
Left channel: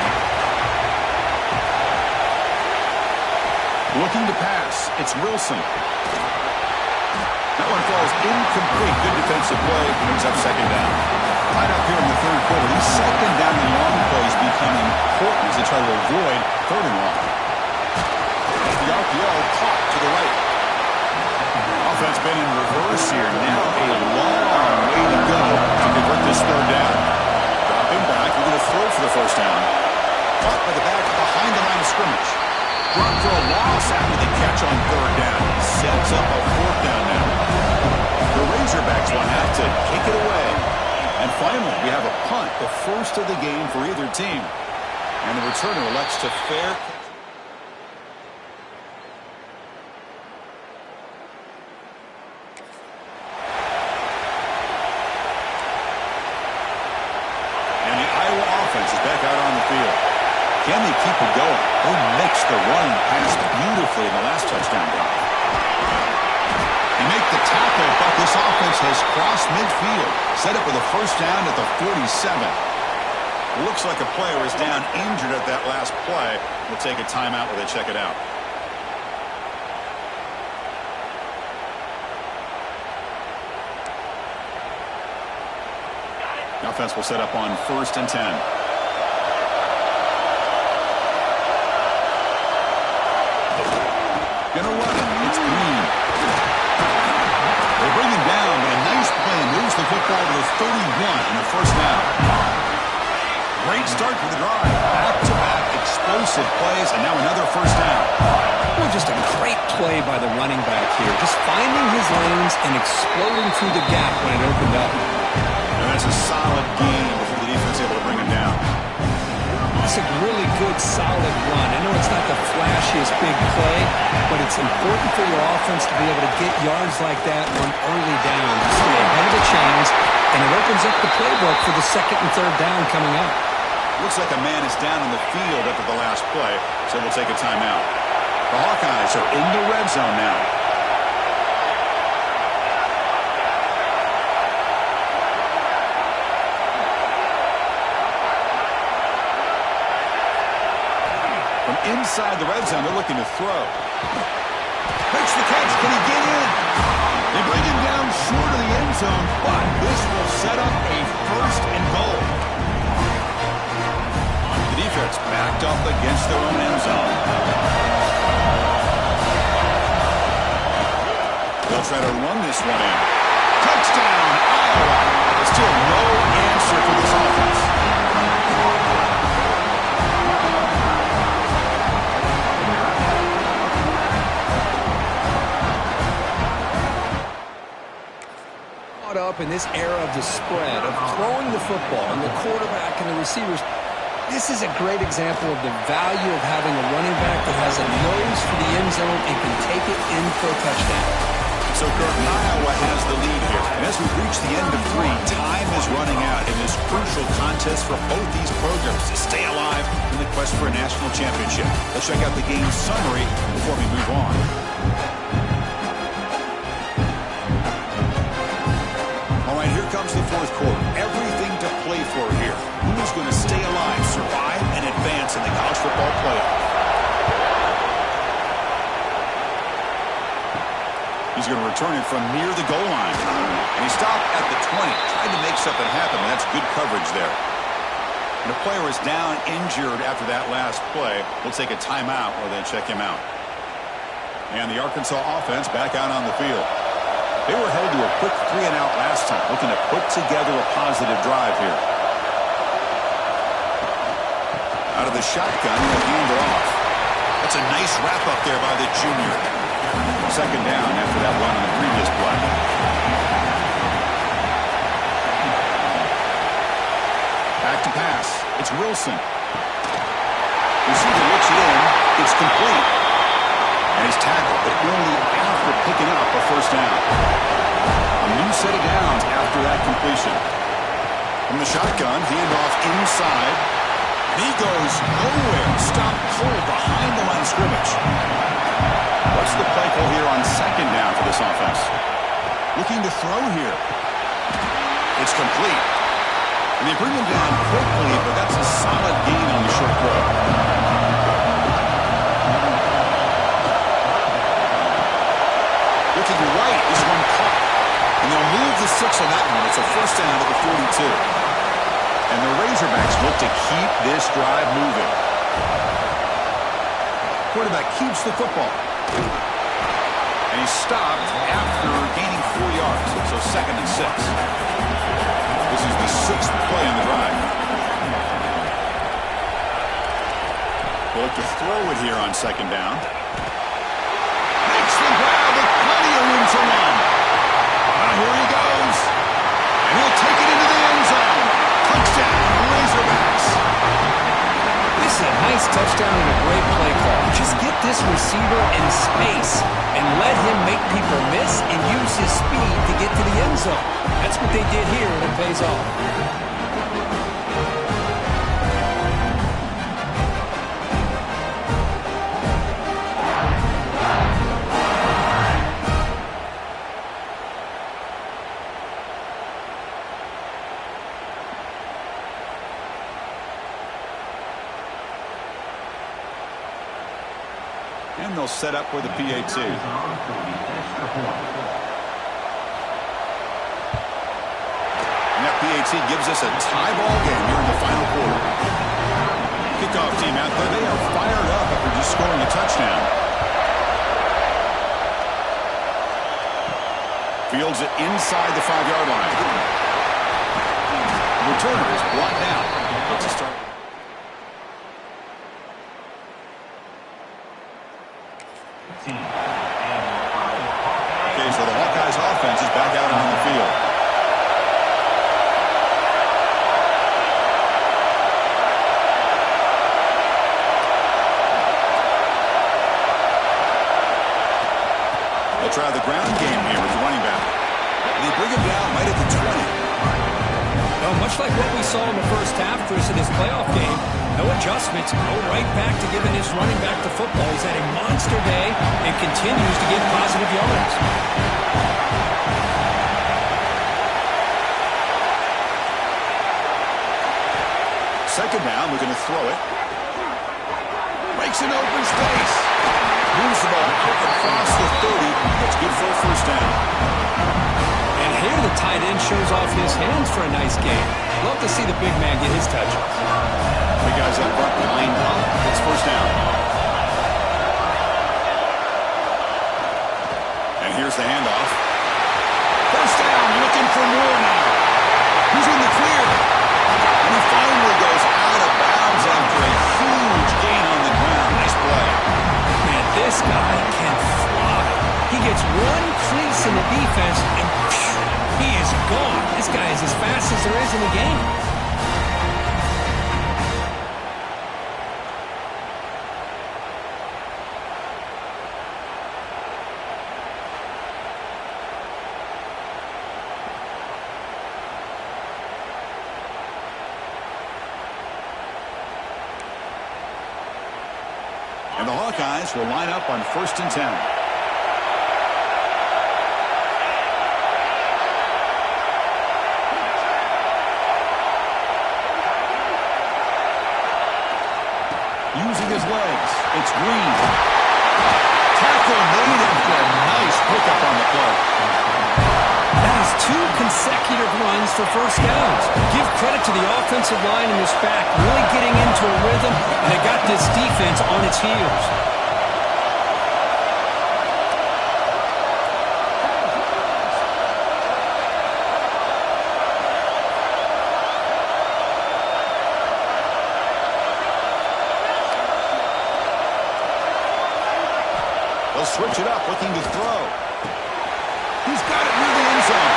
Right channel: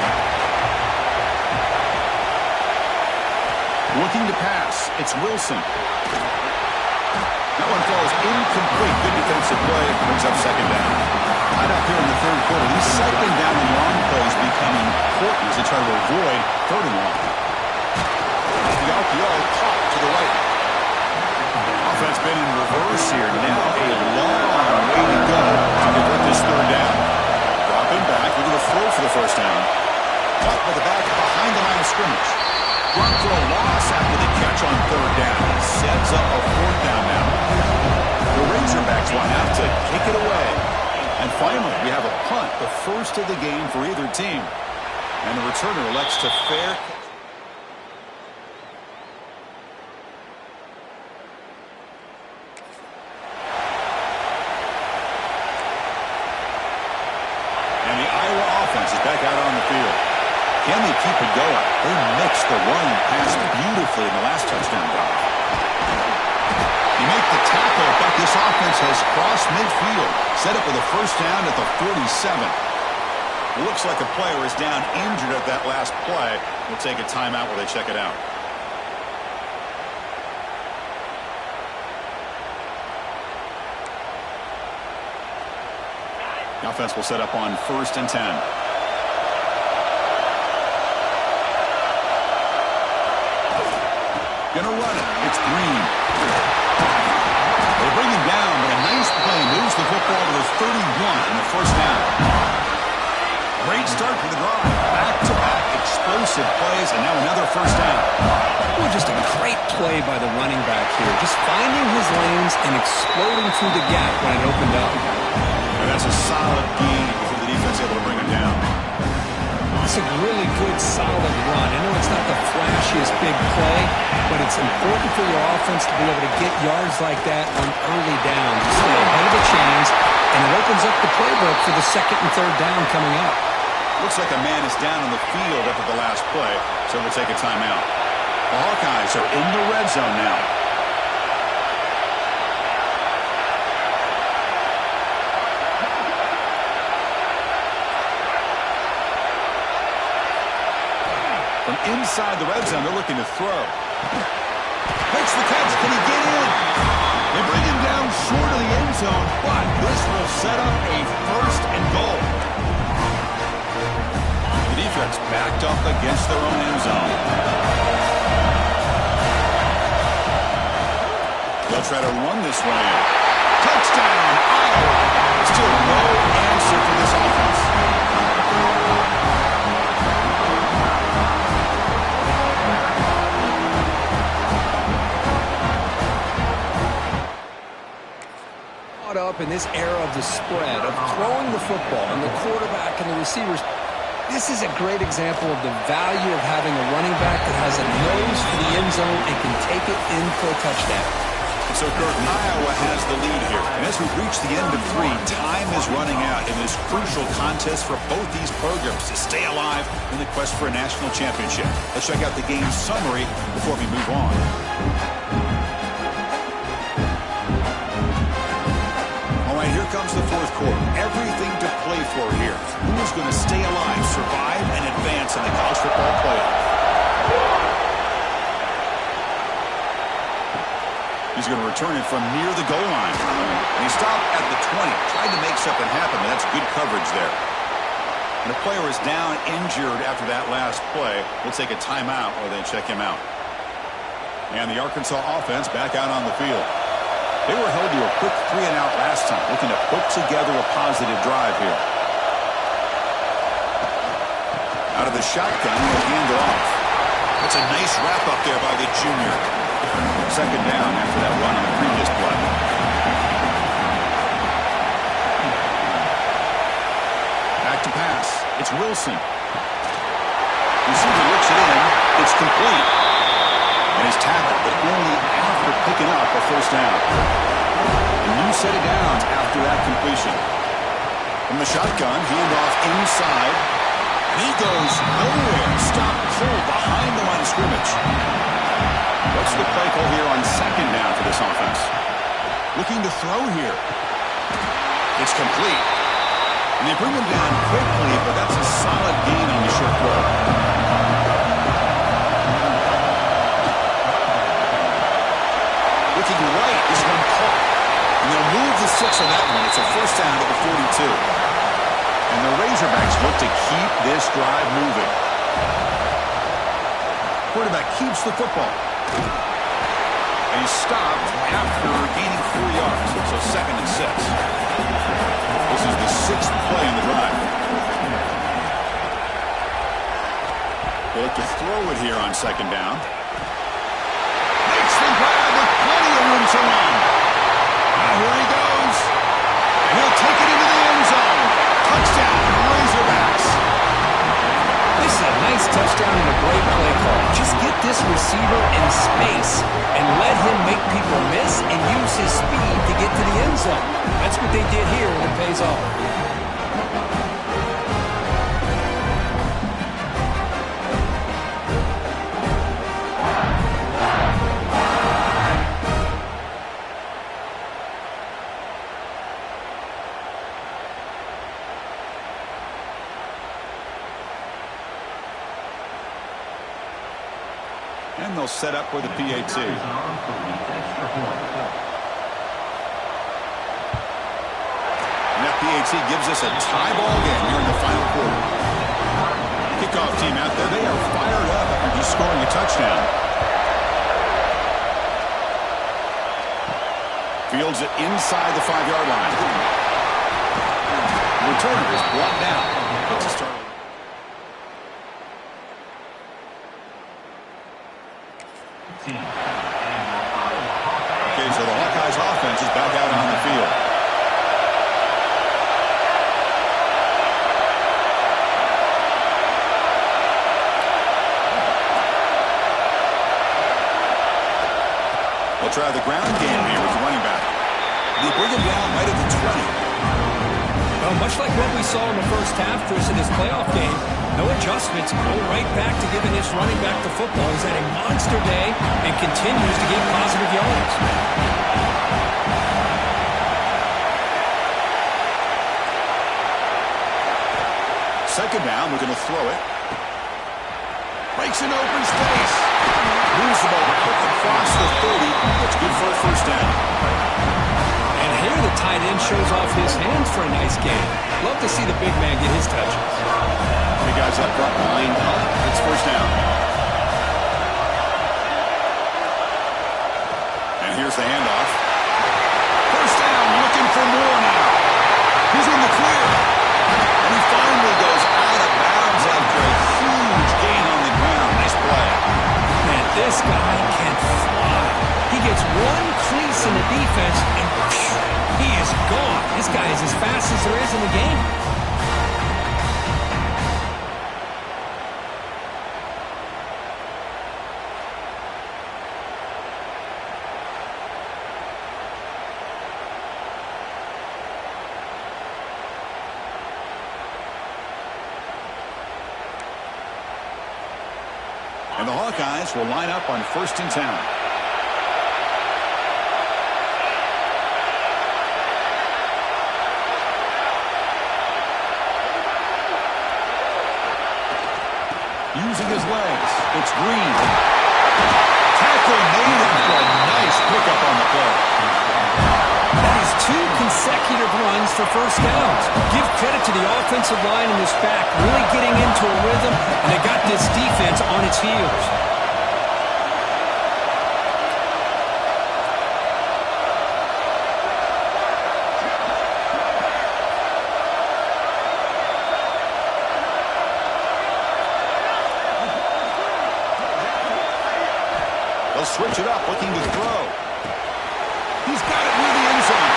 Looking to pass. It's Wilson. That one falls incomplete. Good defensive play. Brings up 2nd down. Tied up here in the 3rd quarter. These 2nd down and long plays become important as they try to avoid 3rd and long. The RPO caught to the right. Offense been in reverse here. Now a long way to go to convert this 3rd down. Dropping back. We're going to throw for the 1st down. Caught by the back behind the line of scrimmage. Run for a loss after the catch on 3rd down. Sets up a 4th down now. The Razorbacks will have to kick it away. And finally, we have a punt, the first of the game for either team. And the returner elects to fair catch. And the Iowa offense is back out on the field. Can they keep it going? They mixed the run and pass beautifully in the last touchdown drive. They make the tackle, but this offense has crossed midfield. Set up with a 1st down at the 47. Looks like a player is down injured at that last play. We'll take a timeout while they check it out. The offense will set up on 1st and 10. Gonna run it. It's Green. They bring him down, but a nice play moves the football to the 31 and a 1st down. Great start for the drive. Back-to-back explosive plays, and now another 1st down. Well, just a great play by the running back here. Just finding his lanes and exploding through the gap when it opened up. And that's a solid gain before the defense able to bring him down. It's a really good, solid run. I know it's not the flashiest big play, but it's important for your offense to be able to get yards like that on early downs. You stay ahead of the chains, and it opens up the playbook for the 2nd and 3rd down coming up. Looks like a man is down on the field after the last play, so we'll take a timeout. The Hawkeyes are in the red zone now. From inside the red zone, they're looking to throw. Makes the catch. Can he get in? They bring him down short of the end zone, but this will set up a 1st and goal. The defense backed up against their own end zone. They'll try to run this one in. Touchdown, Iowa. Still no answer for this offense. Up in this era of the spread, of throwing the football, and the quarterback and the receivers, this is a great example of the value of having a running back that has a nose for the end zone and can take it in for a touchdown. So, Kurt, Iowa has the lead here. And as we reach the end of 3, time is running out in this crucial contest for both these programs to stay alive in the quest for a national championship. Let's check out the game summary before we move on. All right, here comes the fourth quarter. Everything to play for here. Who is going to stay alive, survive, and advance in the college football playoff? He's going to return it from near the goal line. And he stopped at the 20. Tried to make something happen, but that's good coverage there. And a player is down injured after that last play. We'll take a timeout or then check him out. And the Arkansas offense back out on the field. They were held to a quick 3-and-out last time, looking to put together a positive drive here. Out of the shotgun, he'll hand it off. That's a nice wrap-up there by the junior. Second down after that run on the previous play. Back to pass. It's Wilson. Receiver looks it in. It's complete. And he's tackled, but only after picking up a first down. A new set of downs after that completion. From the shotgun, handoff inside. And he goes nowhere. Stopped cold behind the line of scrimmage. What's the play call here on second down for this offense? Looking to throw here. It's complete. And they bring him down quickly, but that's a solid gain on the short throw. Looking right, this one caught. And they'll move the 6 on that one. It's a first down at the 42. And the Razorbacks look to keep this drive moving. Quarterback keeps the football. And he stopped after gaining 4 yards. So second and 6. This is the 6th play on the drive. They'll look to throw it here on second down. Makes the grab with plenty of room to run. Now here he goes. And he'll take it into the end zone. Touchdown, Razorbacks. This is a nice touchdown and a great play call. Just get this receiver in space and let him make people miss and use his speed to get to the end zone. That's what they did here, and it pays off. And they'll set up for the PAT. And that PAT gives us a tie ball game here in the final quarter. Kickoff team out there, they are fired up after just scoring a touchdown. Fields it inside the 5-yard line. The returner is brought down. Let's start. Okay, so the Hawkeyes offense is back out on the field. They'll try the ground game here with the running back. They bring him down right at the 20. Well, much like what we saw in the first half, Chris, in this playoff game, no adjustments, go right back to giving this running back the football. He's had a monster day and continues to get positive yards. Second down, looking to throw it. Breaks an open space. Moves the ball out across the 30. That's good for a first down. And here the tight end shows off his hands for a nice gain. Love to see the big man get his touches. Big guys up front lined up. It's first down. And here's the handoff. First down, looking for more now. Who's in the clear? And he finally goes out of bounds after a huge gain on the ground. Nice play. Man, this guy can fly. He gets one crease in the defense, and he is gone. This guy is as fast as there is in the game. And the Hawkeyes will line up on 1st and 10. Using his legs, it's Green. Tackle made after a nice pickup on the play. That is 2 consecutive runs for first downs. Give credit to the offensive line in this back, really getting into a rhythm, and they got this defense on its heels. They'll switch it up, looking to throw. He's got it near the end zone.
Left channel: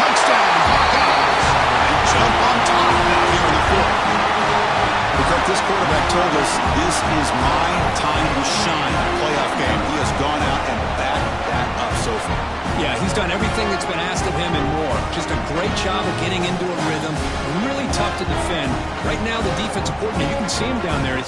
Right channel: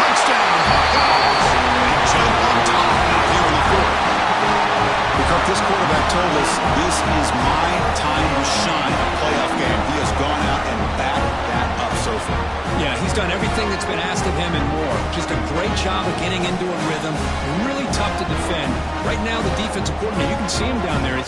Touchdown, Hawkeyes. They jump on top now here in the 4th. Because this quarterback told us this is my time to shine in a playoff game. He has gone out and backed that up so far. Yeah, he's done everything that's been asked of him and more. Just a great job of getting into a rhythm. Really tough to defend. Right now, the defensive coordinator, you can see him down there.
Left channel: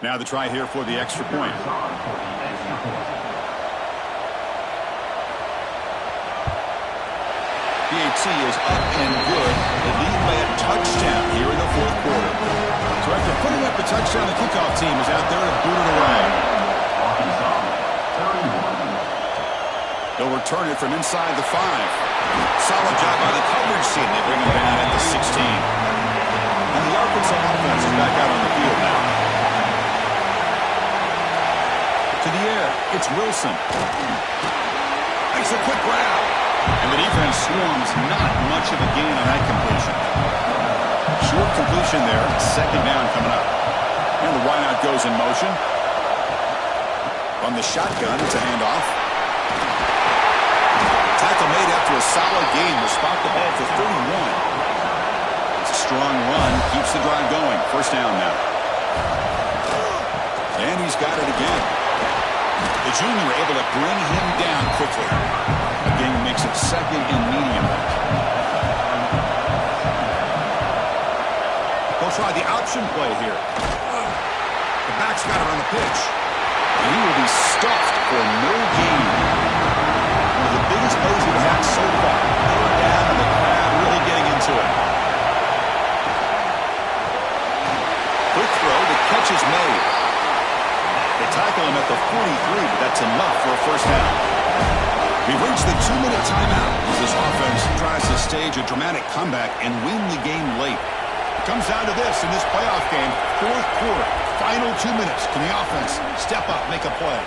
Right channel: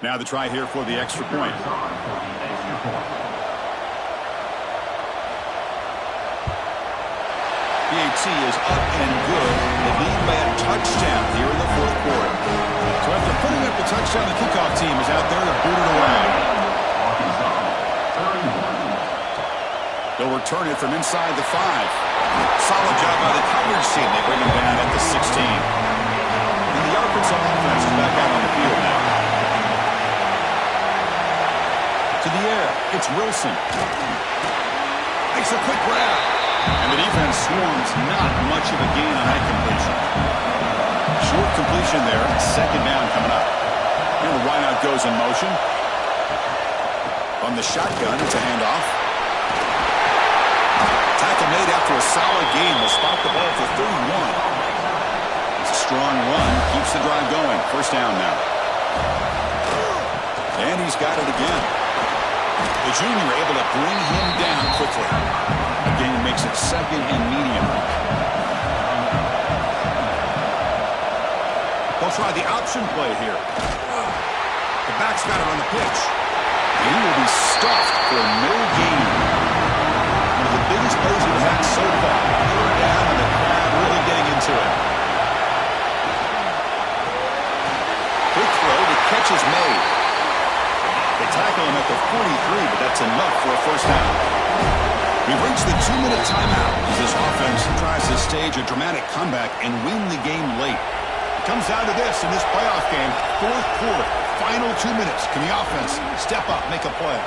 Now the try here for the extra point. PAT is up and good. They lead by a touchdown here in the 4th quarter. So after putting up the touchdown, the kickoff team is out there to boot it away. They'll return it from inside the 5. Solid job by the coverage team. They bring him down at the 16. And the Arkansas offense is back out on the field now. To the air, it's Wilson. Makes a quick grab. And the defense swarms, not much of a gain on that completion. Short completion there, 2nd down coming up. And the wideout goes in motion. From the shotgun, it's a handoff. Tackle made after a solid gain. Will spot the ball for 31. It's a strong run, keeps the drive going. 1st down now. And he's got it again. The junior able to bring him down quickly. Again, makes it 2nd and medium. They'll try the option play here. The back's got it on the pitch. And he will be stuffed for no gain. One of the biggest plays we've had so far. 3rd down and the crowd really getting into it. Quick throw, the catch is made. They tackle him at the 43, but that's enough for a 1st down. We've reached the 2-minute timeout as this offense tries to stage a dramatic comeback and win the game late. It comes down to this in this playoff game, 4th quarter, final 2 minutes. Can the offense step up, make a play?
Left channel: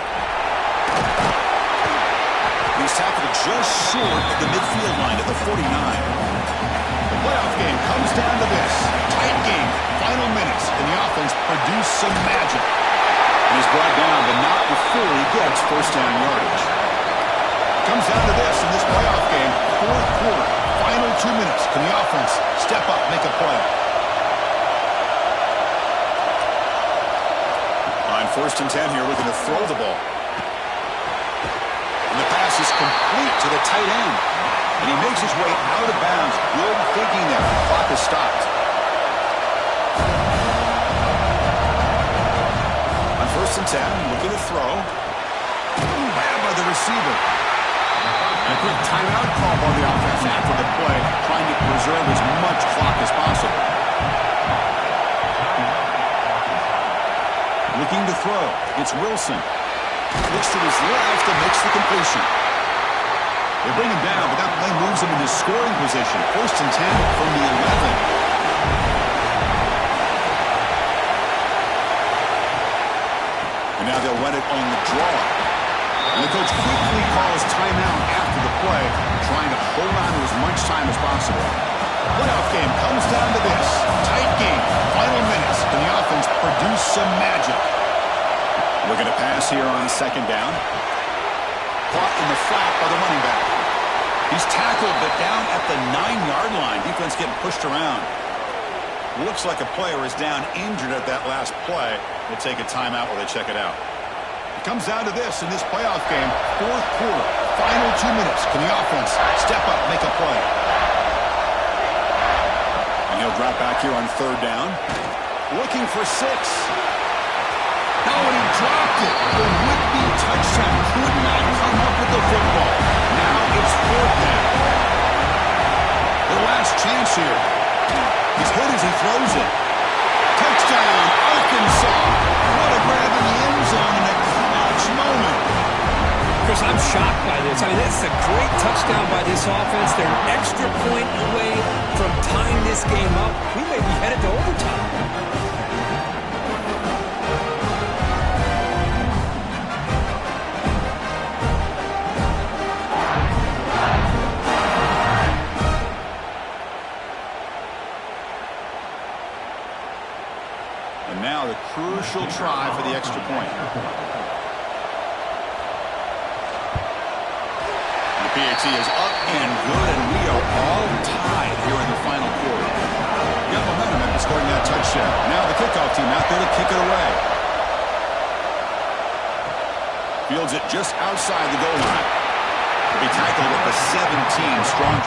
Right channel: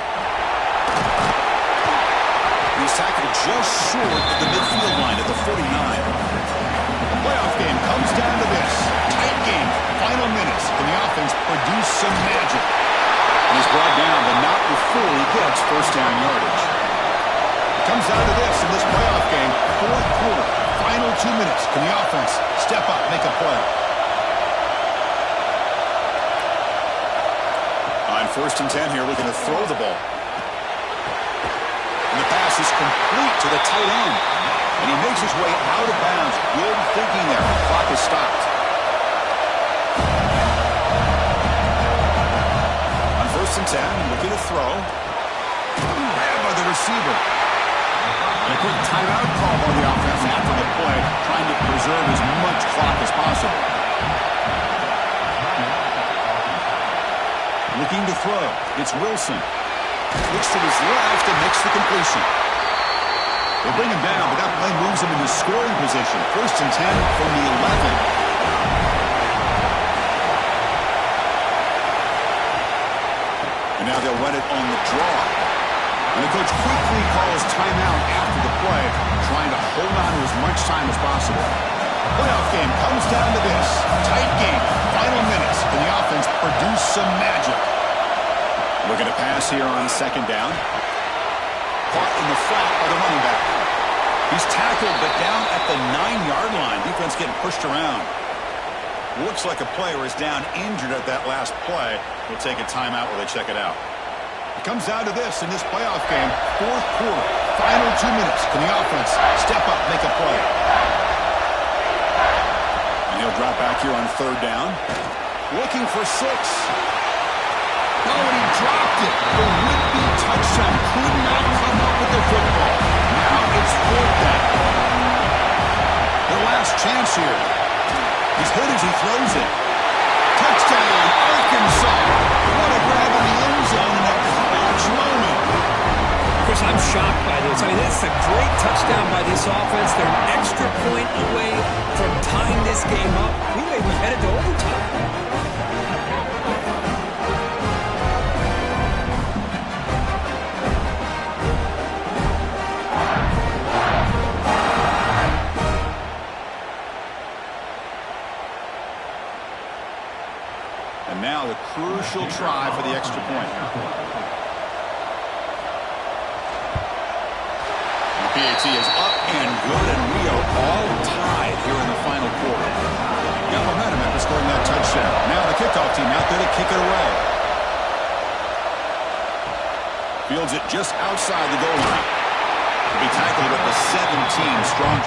He's tackled just short of the midfield line at the 49. The playoff game comes down to this. Tight game, final minutes. Can the offense produce some magic? And he's brought down, but not before he gets 1st down yardage. It comes down to this in this playoff game, 4th quarter, final 2 minutes. Can the offense step up, make a play? On 1st and 10 here, looking to throw the ball. And the pass is complete to the tight end. And he makes his way out of bounds. Good thinking there. The clock is stopped. On 1st and 10, looking to throw. Grabbed by the receiver. And a quick timeout call by the offense after the play, trying to preserve as much clock as possible. Looking to throw. It's Wilson. Looks to his left and makes the completion. They bring him down, but that play moves him into scoring position. 1st and 10 from the 11. And now they'll run it on the draw. And the coach quickly calls timeout after the play, trying to hold on to as much time as possible. The playoff game comes down to this. Tight game, final minutes. Can the offense produce some magic? Looking to pass here on 2nd down. Caught in the flat by the running back. He's tackled, but down at the 9-yard line. Defense getting pushed around. Looks like a player is down injured at that last play. We'll take a timeout while they check it out. It comes down to this in this playoff game. 4th quarter, Final 2 minutes. Can the offense step up, make a play? And he'll drop back here on 3rd down. Looking for 6. No, and he dropped it. The would-be touchdown could not come up with the football. Now it's 4th down. Their last chance here. He's hit as he throws it. Touchdown, Arkansas. What a grab in the end zone in a clutch moment. Chris, I'm shocked by this. I mean, it's a great touchdown by this offense. They're an extra point away from tying this game up. We may be headed to overtime. And now the crucial try for the extra point. The PAT is up and good, and we are all tied here in the final quarter. Got momentum after scoring that touchdown. Now the kickoff team out there to kick it away. Fields it just outside the goal line. To be tackled at the 17, strong.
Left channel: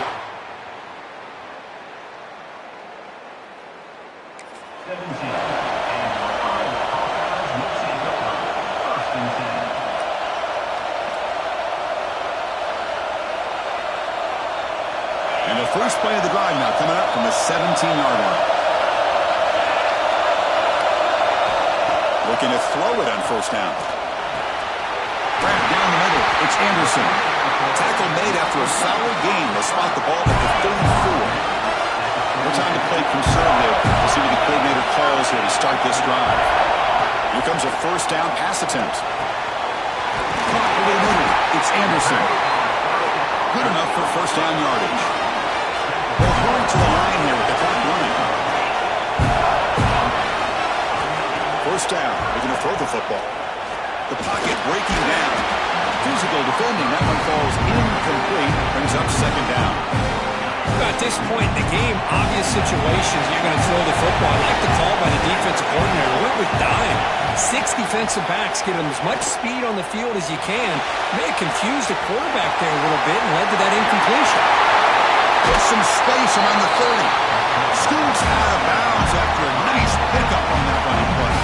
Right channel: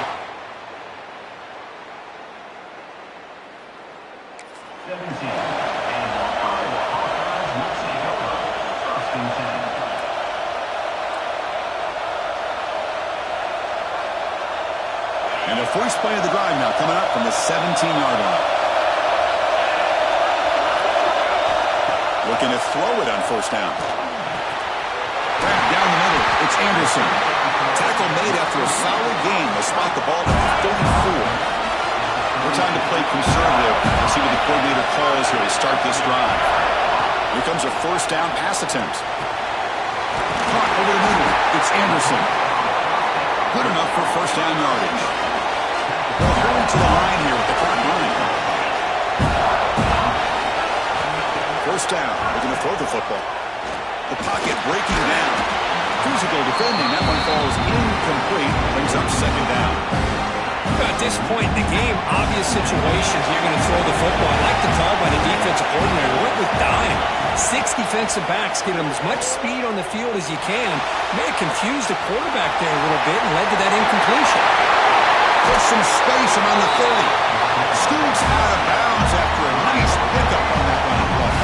17. And the Iowa Hawkeyes will take over. 1st and 10. And the first play of the drive now coming up from the 17-yard line. Looking to throw it on 1st down. Grab down the middle. It's Anderson. Tackle made after a solid gain. They'll spot the ball at the 34. More time to play conservative. We'll see what the coordinator calls here to start this drive. Here comes a 1st down pass attempt. Caught over the middle. It's Anderson. Good enough for 1st down yardage. They'll hurry to the line here with the clock running. 1st down. They're going to throw the football. The pocket breaking down. Physical defending. That one falls incomplete. Brings up 2nd down. At this point in the game, obvious situations, you're going to throw the football. I like the call by the defensive coordinator. Went with dime. 6 defensive backs, get them as much speed on the field as you can. May have confused the quarterback there a little bit and led to that incompletion. Put some space around the 30. Scoots out of bounds after a nice pickup on that running play.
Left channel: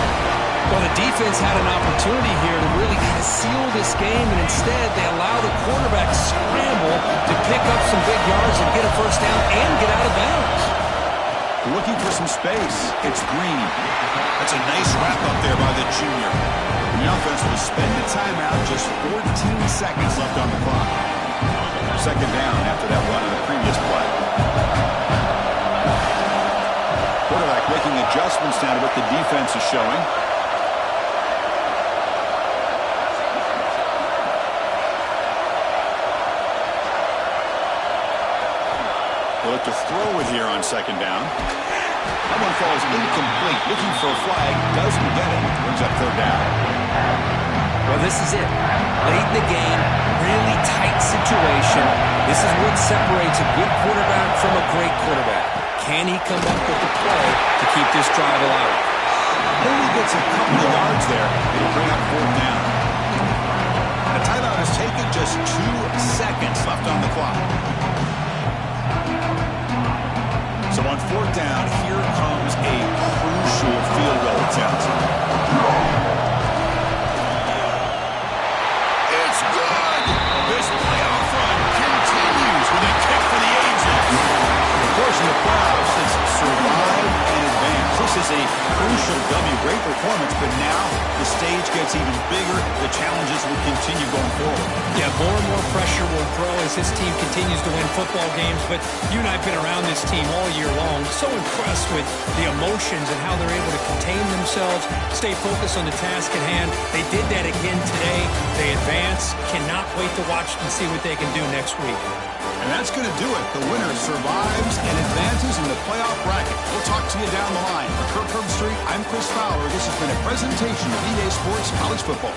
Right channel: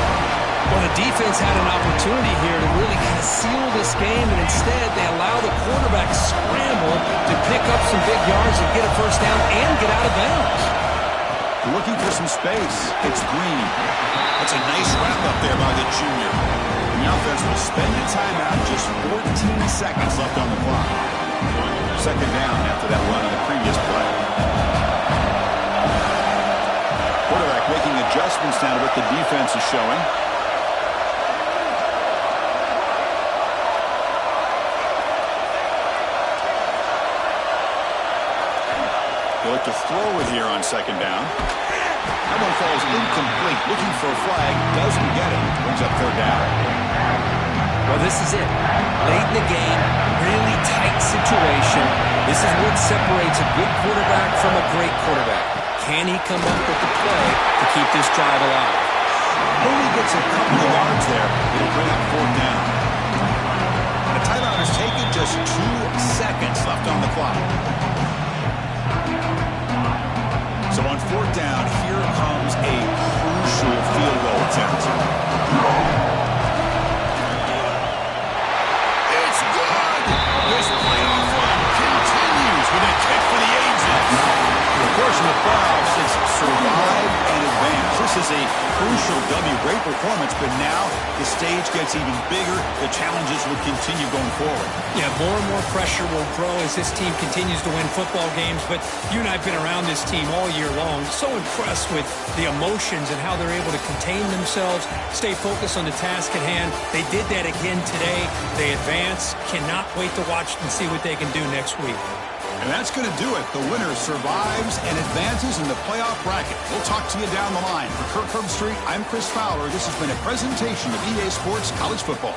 Well, the defense had an opportunity here to really kind of seal this game, and instead they allow the quarterback scramble to pick up some big yards and get a 1st down and get out of bounds. Looking for some space. It's Green. That's a nice wrap up there by the junior. And the offense will spend a timeout, just 14 seconds left on the clock. 2nd down after that run on the previous play. Quarterback making adjustments now to what the defense is showing. They look to throw it here on 2nd down. That one falls incomplete. Looking for a flag. Doesn't get it. Brings up 3rd down. Well, this is it. Late in the game, really tight situation. This is what separates a good quarterback from a great quarterback. Can he come up with the play to keep this drive alive? Only gets a couple of yards there. It'll bring up 4th down. And a timeout is taken. Just 2 seconds left on the clock. So on 4th down, here comes a crucial field goal attempt. It's good. This playoff run continues with a kick for the ages. Of course, in the playoffs, it's survive and advance. This is a crucial W. Great performance, but now the stage gets even bigger. The challenges will continue going forward. Yeah, more and more pressure will grow as this team continues to win football games, but you and I have been around this team all year long. So impressed with the emotions and how they're able to contain themselves, stay focused on the task at hand. They did that again today. They advance. Cannot wait to watch and see what they can do next week. And that's going to do it. The winner survives and advances in the playoff bracket. We'll talk to you down the line. For Kirk Herbstreit, I'm Chris Fowler. This has been a presentation of EA Sports College Football.